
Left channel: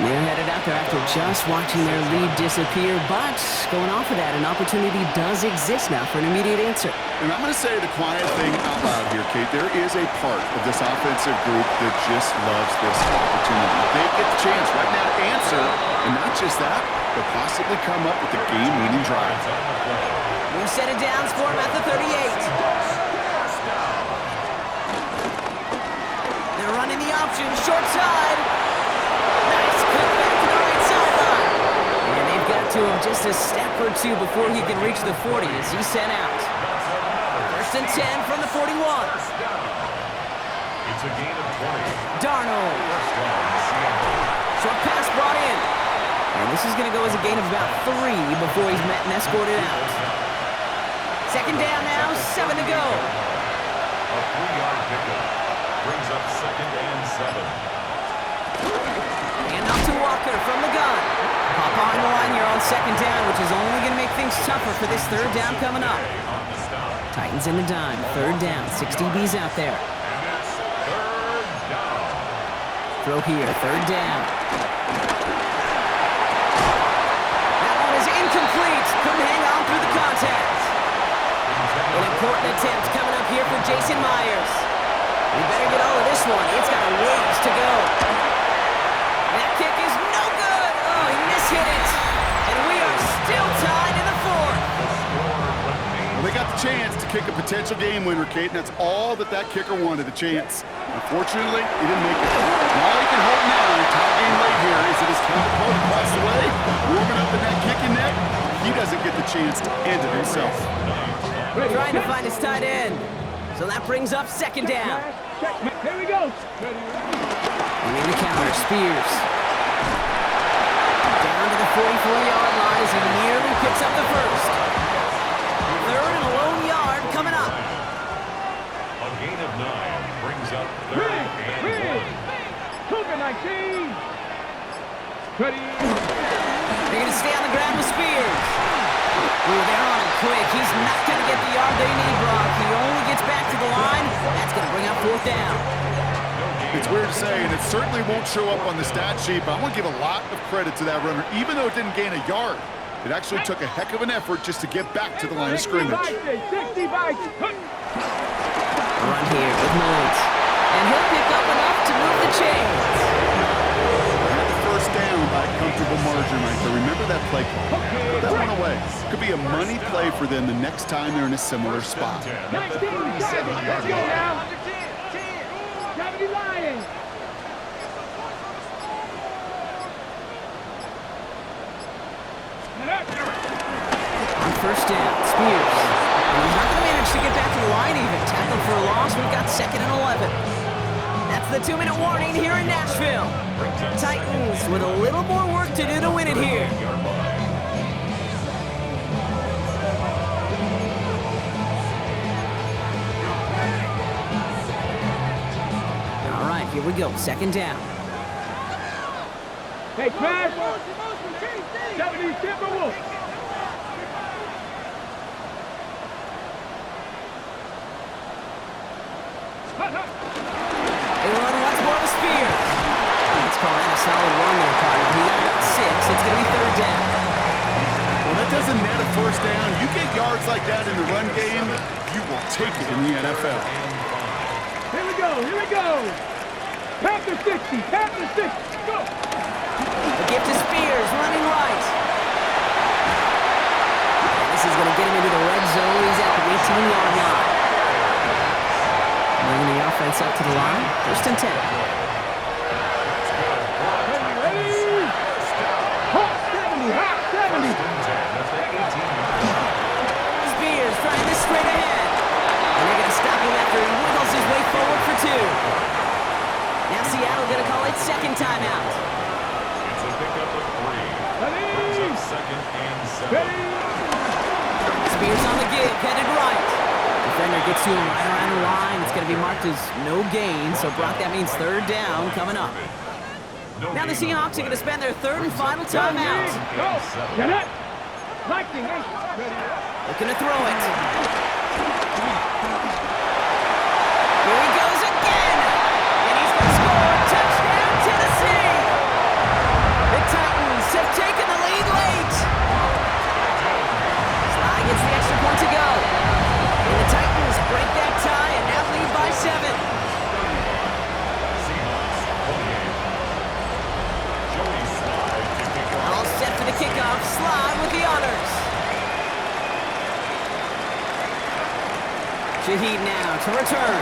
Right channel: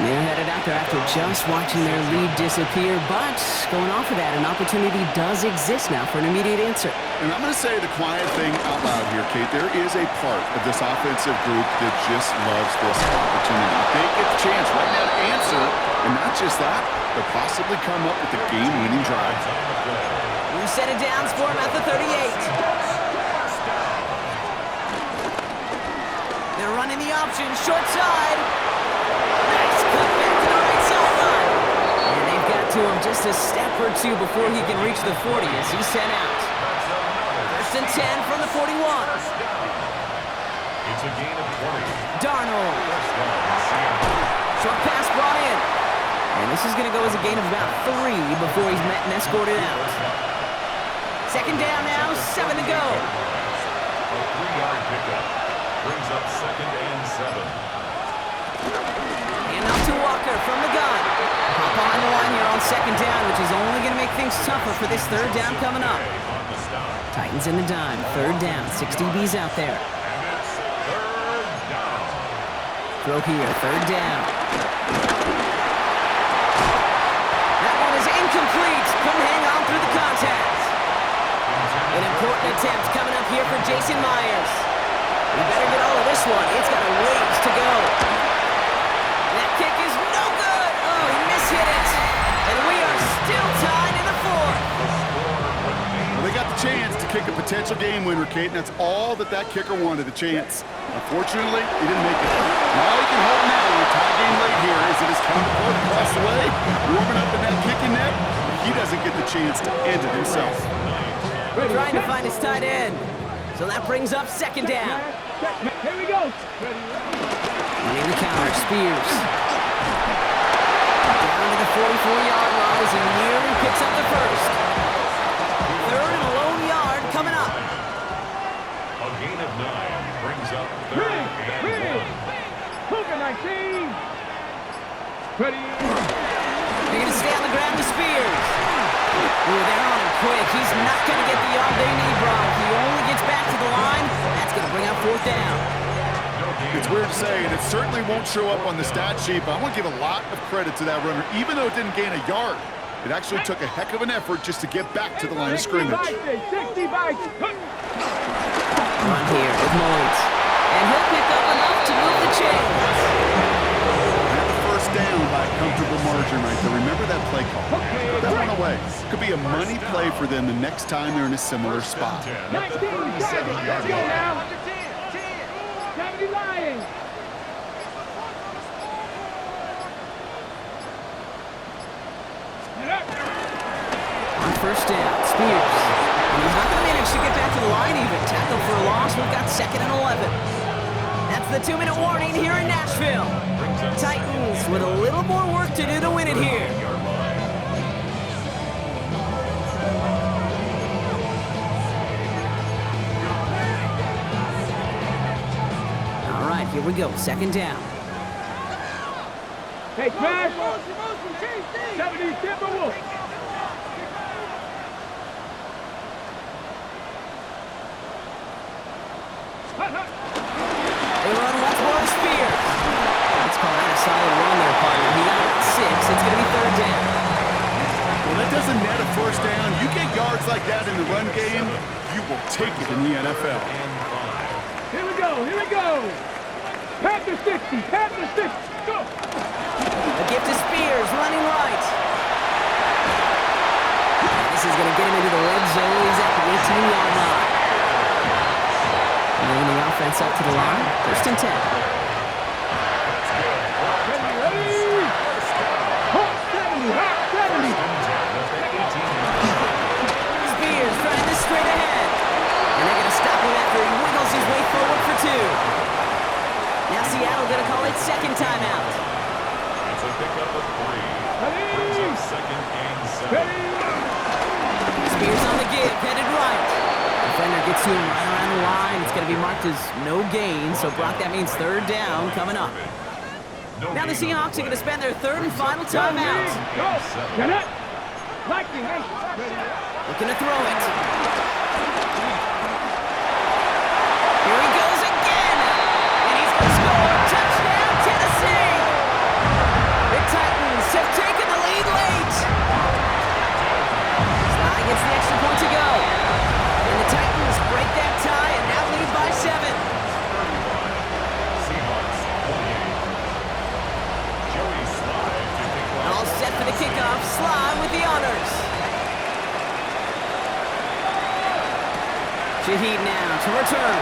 They're headed out there after just watching their lead disappear, but going off of that, an opportunity does exist now for an immediate answer. And I'm going to say the quiet thing out loud here, Kate. There is a part of this offensive group that just loves this opportunity. They get the chance right now to answer, and not just that, but possibly come up with a game-winning drive. New set of downs for him at the 38. They're running the option, short side. Nice cut back to the right sideline. And they've got to him just a step or 2 before he can reach the 40 as he's sent out. 1st and 10 from the 41. It's a gain of 20. Darnold. First down, Seattle. Short pass brought in. And this is going to go as a gain of about 3 before he's met and escorted out. 2nd down now, 7 to go. A 3-yard pickup brings up 2nd and 7. And up to Walker from the gun. Hop behind the line here on 2nd down, which is only going to make things tougher for this 3rd down coming up. On the stop. Titans in the dime, 3rd down, 6 DBs out there. And it's 3rd down. Throw here, 3rd down. That one is incomplete. Couldn't hang on through the contact. An important attempt coming up here for Jason Myers. We better get all of this one. It's got a ways to go. That kick is no good. Oh, he mishit it. And we are still tied in the 4th. The score remains. Well, they got the chance to kick a potential game winner, Kate, and that's all that kicker wanted, the chance. Unfortunately, he didn't make it. And all he can hope now, tie game late here, is that his counterpart across the way, warming up in that kicking net, he doesn't get the chance to end it himself. Trying to find his tight end. So that brings up 2nd down. Here we go. Running the counter, Spears. Down to the 44-yard line as he nearly picks up the first. third and a lone yard coming up. A gain of 9 brings up third and 1. Cougar 19. Ready. They're going to stay on the ground with Spears. Ooh, they're on him quick. He's not going to get the yard they need, Brock. He only gets back to the line. That's going to bring up fourth down. It's weird to say, and it certainly won't show up on the stat sheet, but I want to give a lot of credit to that runner. Even though it didn't gain a yard, it actually took a heck of an effort just to get back to the line of scrimmage. 60 bites. Run here with Mullins. And he'll pick up enough to move the chains. Had the first down by a comfortable margin right there. Remember that play call. Put that one away. Could be a money play for them the next time they're in a similar spot. 19, 70. Let's go now. 70 Lions. On first down, Spears. And he's not going to manage to get back to the line even. Tackled for a loss. We've got 2nd and 11. That's the 2-minute warning here in Nashville. Titans with a little more work to do to win it here. All right, here we go. 2nd down. Hey, Crash. 70 Timberwolves. They run once more to Spears. Let's call that a solid run there, partner. He got about 6. It's going to be 3rd down. Well, that doesn't net a first down. You get yards like that in the run game, you will take it in the NFL. Here we go. Here we go. Panther 60. Panther 60. Go. A gift to Spears, running right. And this is going to get him into the red zone. He's at the 18-yard line. Bringing the offense up to the line. 1st and 10. Ready. Hot 70. Hot 70. Spears trying this straight ahead. And they're going to stop him after he wiggles his way forward for 2. Now Seattle going to call it 2nd timeout. It's a pickup of 3. Brings up 2nd and 7. Spears on the give, headed right. Defender gets to him right around the line. It's going to be marked as no gain. So, Brock, that means 3rd down coming up. Now the Seahawks are going to spend their 3rd and final timeout. Go. Get it. Lightning. Looking to throw it. Here he goes again. And he's going to score. Touchdown, Tennessee. The Titans have taken the lead late. Sly gets the extra point to go. And the Titans break that tie and now lead by 7. Seahawks 28. Joey Sly to kick off. All set for the kickoff. Sly with the honors. Shaheed now to return.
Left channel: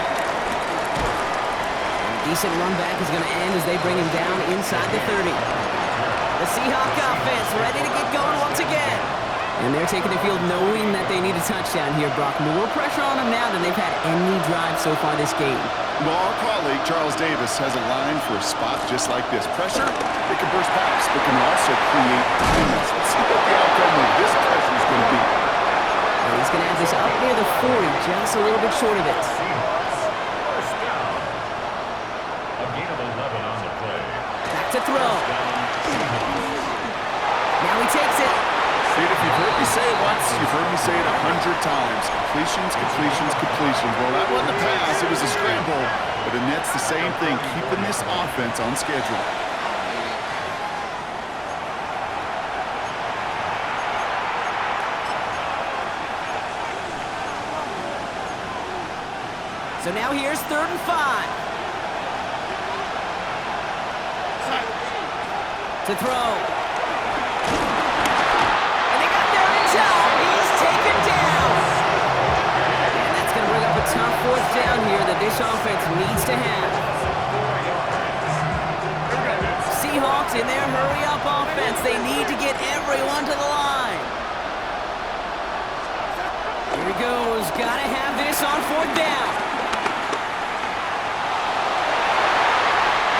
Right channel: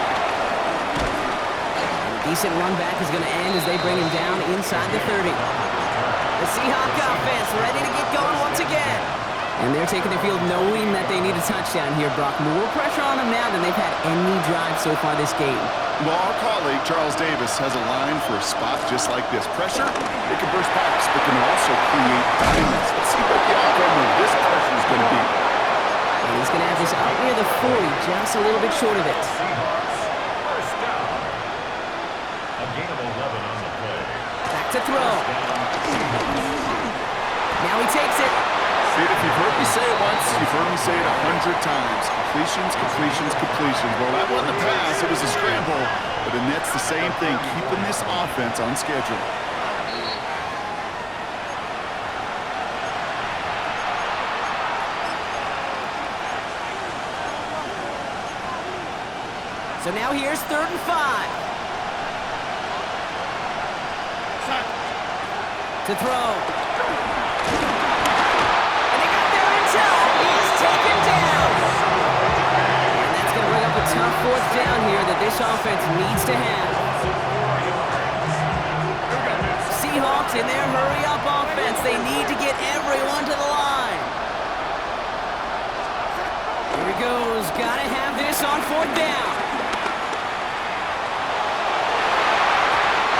And a decent run back is going to end as they bring him down inside the 30. The Seahawk offense ready to get going once again. And they're taking the field knowing that they need a touchdown here, Brock. More pressure on them now than they've had any drive so far this game. Well, our colleague, Charles Davis, has a line for a spot just like this. Pressure, it can burst pipes, but can also create diamonds. Let's see what the outcome of this pressure is going to be. And he's going to have this up near the 40, just a little bit short of it. Seahawks, 1st down. A gain of 11 on the play. Back to throw. Now he takes it. See, if you've heard me say it once, you've heard me say it 100 times. Completions, completions, completions. Well, that wasn't a pass, it was a scramble. But it nets the same thing, keeping this offense on schedule. So now here's 3rd and 5. To throw. He's taken down. And that's going to bring up a tough 4th down here that this offense needs to have. Seahawks in their hurry-up offense. They need to get everyone to the line. Here he goes. Got to have this on 4th down.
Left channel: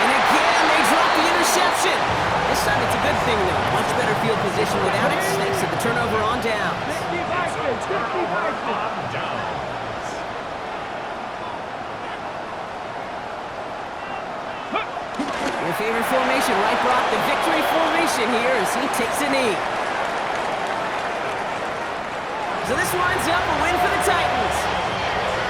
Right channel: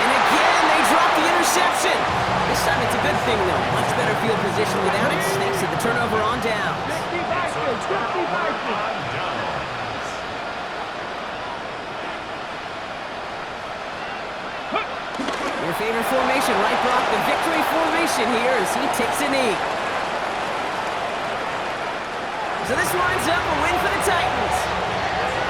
And again, they drop the interception. This time it's a Good thing, though. Much better field position without it. Snakes at the turnover on down. It's a turnover on downs. Your favorite formation, right, Brock? The victory formation here as he takes a knee. So this winds up a win for the Titans.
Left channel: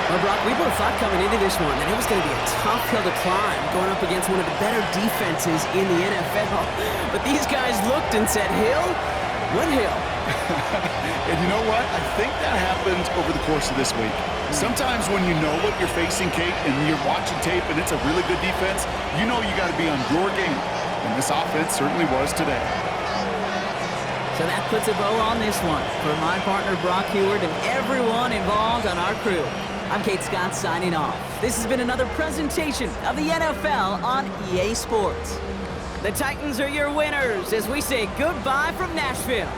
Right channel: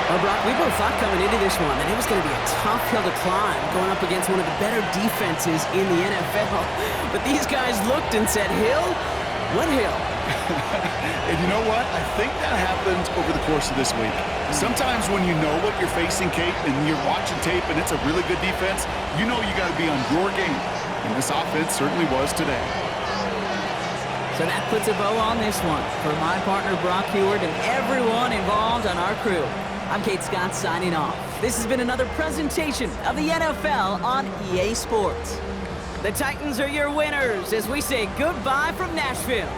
Well, Brock, we both thought coming into this one that it was going to be a tough hill to climb going up against one of the better defenses in the NFL. But these guys looked and said, Hill? What hill? And you know what? I think that happened over the course of this week. Sometimes when you know what you're facing, Kate, and you're watching tape and it's a really good defense, you know you got to be on your game. And this offense certainly was today. So that puts a bow on this one. For my partner, Brock Heward, and everyone involved on our crew, I'm Kate Scott signing off. This has been another presentation of the NFL on EA Sports. The Titans are your winners as we say goodbye from Nashville.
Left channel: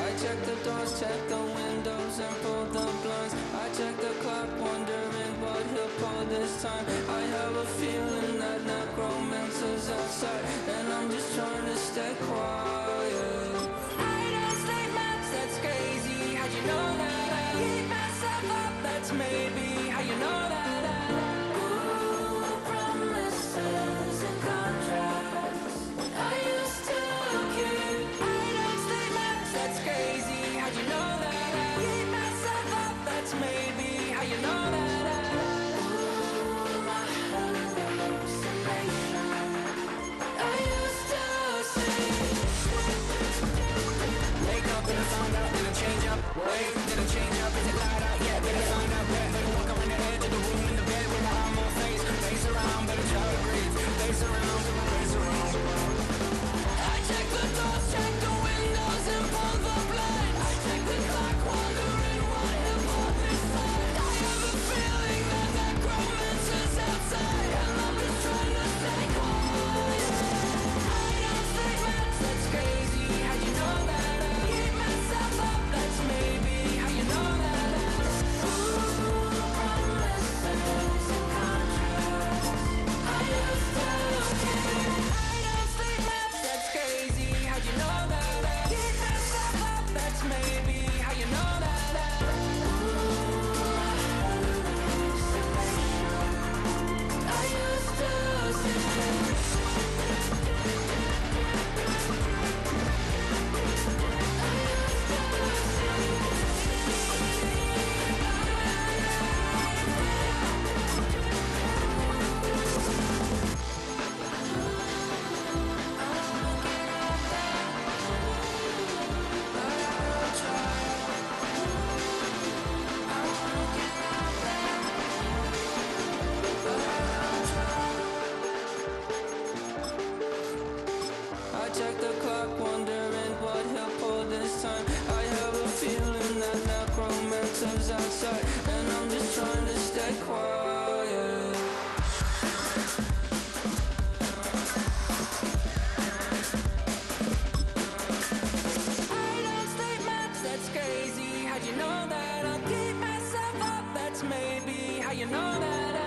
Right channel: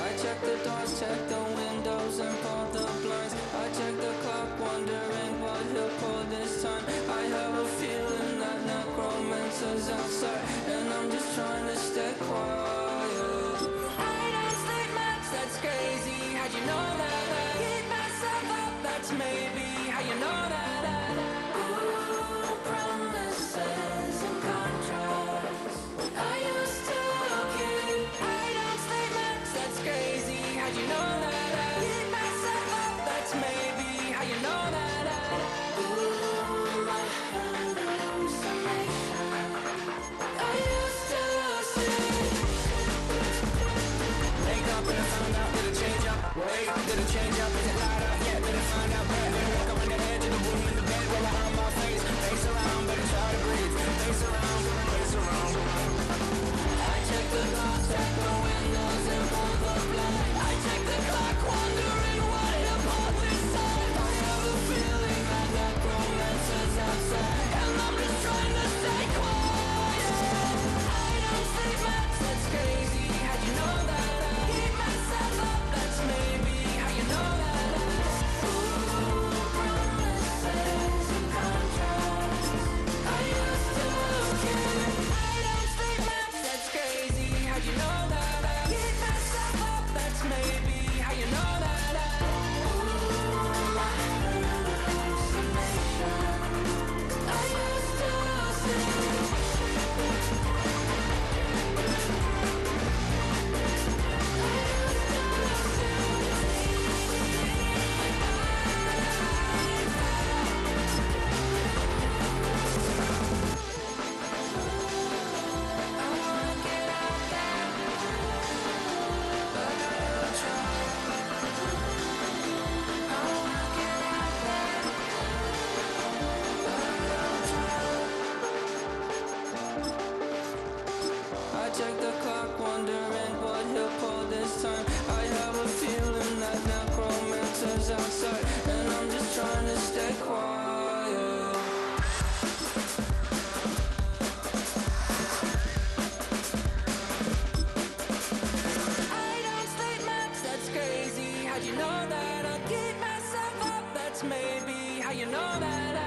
I check the doors, check the windows, and pull the blinds. I check the clock, wondering what he'll pull this time. I have a feeling that necromancer's outside, and I'm just trying to stay quiet. I don't sleep much, that's crazy. How'd you know that? I keep myself up, that's maybe how you know that. Ooh, promises and contracts. I used to keep. I don't sleep much, that's crazy. How'd you know that? I keep myself up, that's maybe how you know that. Ooh, my hallucination. I used to see. Wake up and I found out, did it change up? Wait, did it change up? Is it light out yet? Better find out where. Better walk around the edge of the room in the bed where behind my face. Face around, better try to breathe. Face around, face around. I check the doors, check the windows, and pull the blind. I check the clock, wondering what he'll pull this time. I have a feeling that necromancer's outside, and I'm just trying to stay quiet. I don't sleep much, that's crazy. How'd you know that? I keep myself up, that's maybe how you know that. Ooh, promises and contracts. I used to keep. I don't sleep much, that's crazy. How'd you know that? I keep myself up, that's maybe how you know that. Ooh, my hallucination. I used to see. I check the clock, wondering what he'll pull this time. I have a feeling that necromancer's outside, and I'm just trying to stay quiet. I don't sleep much, that's crazy. How'd you know that? I'll keep myself up, that's maybe how you know that.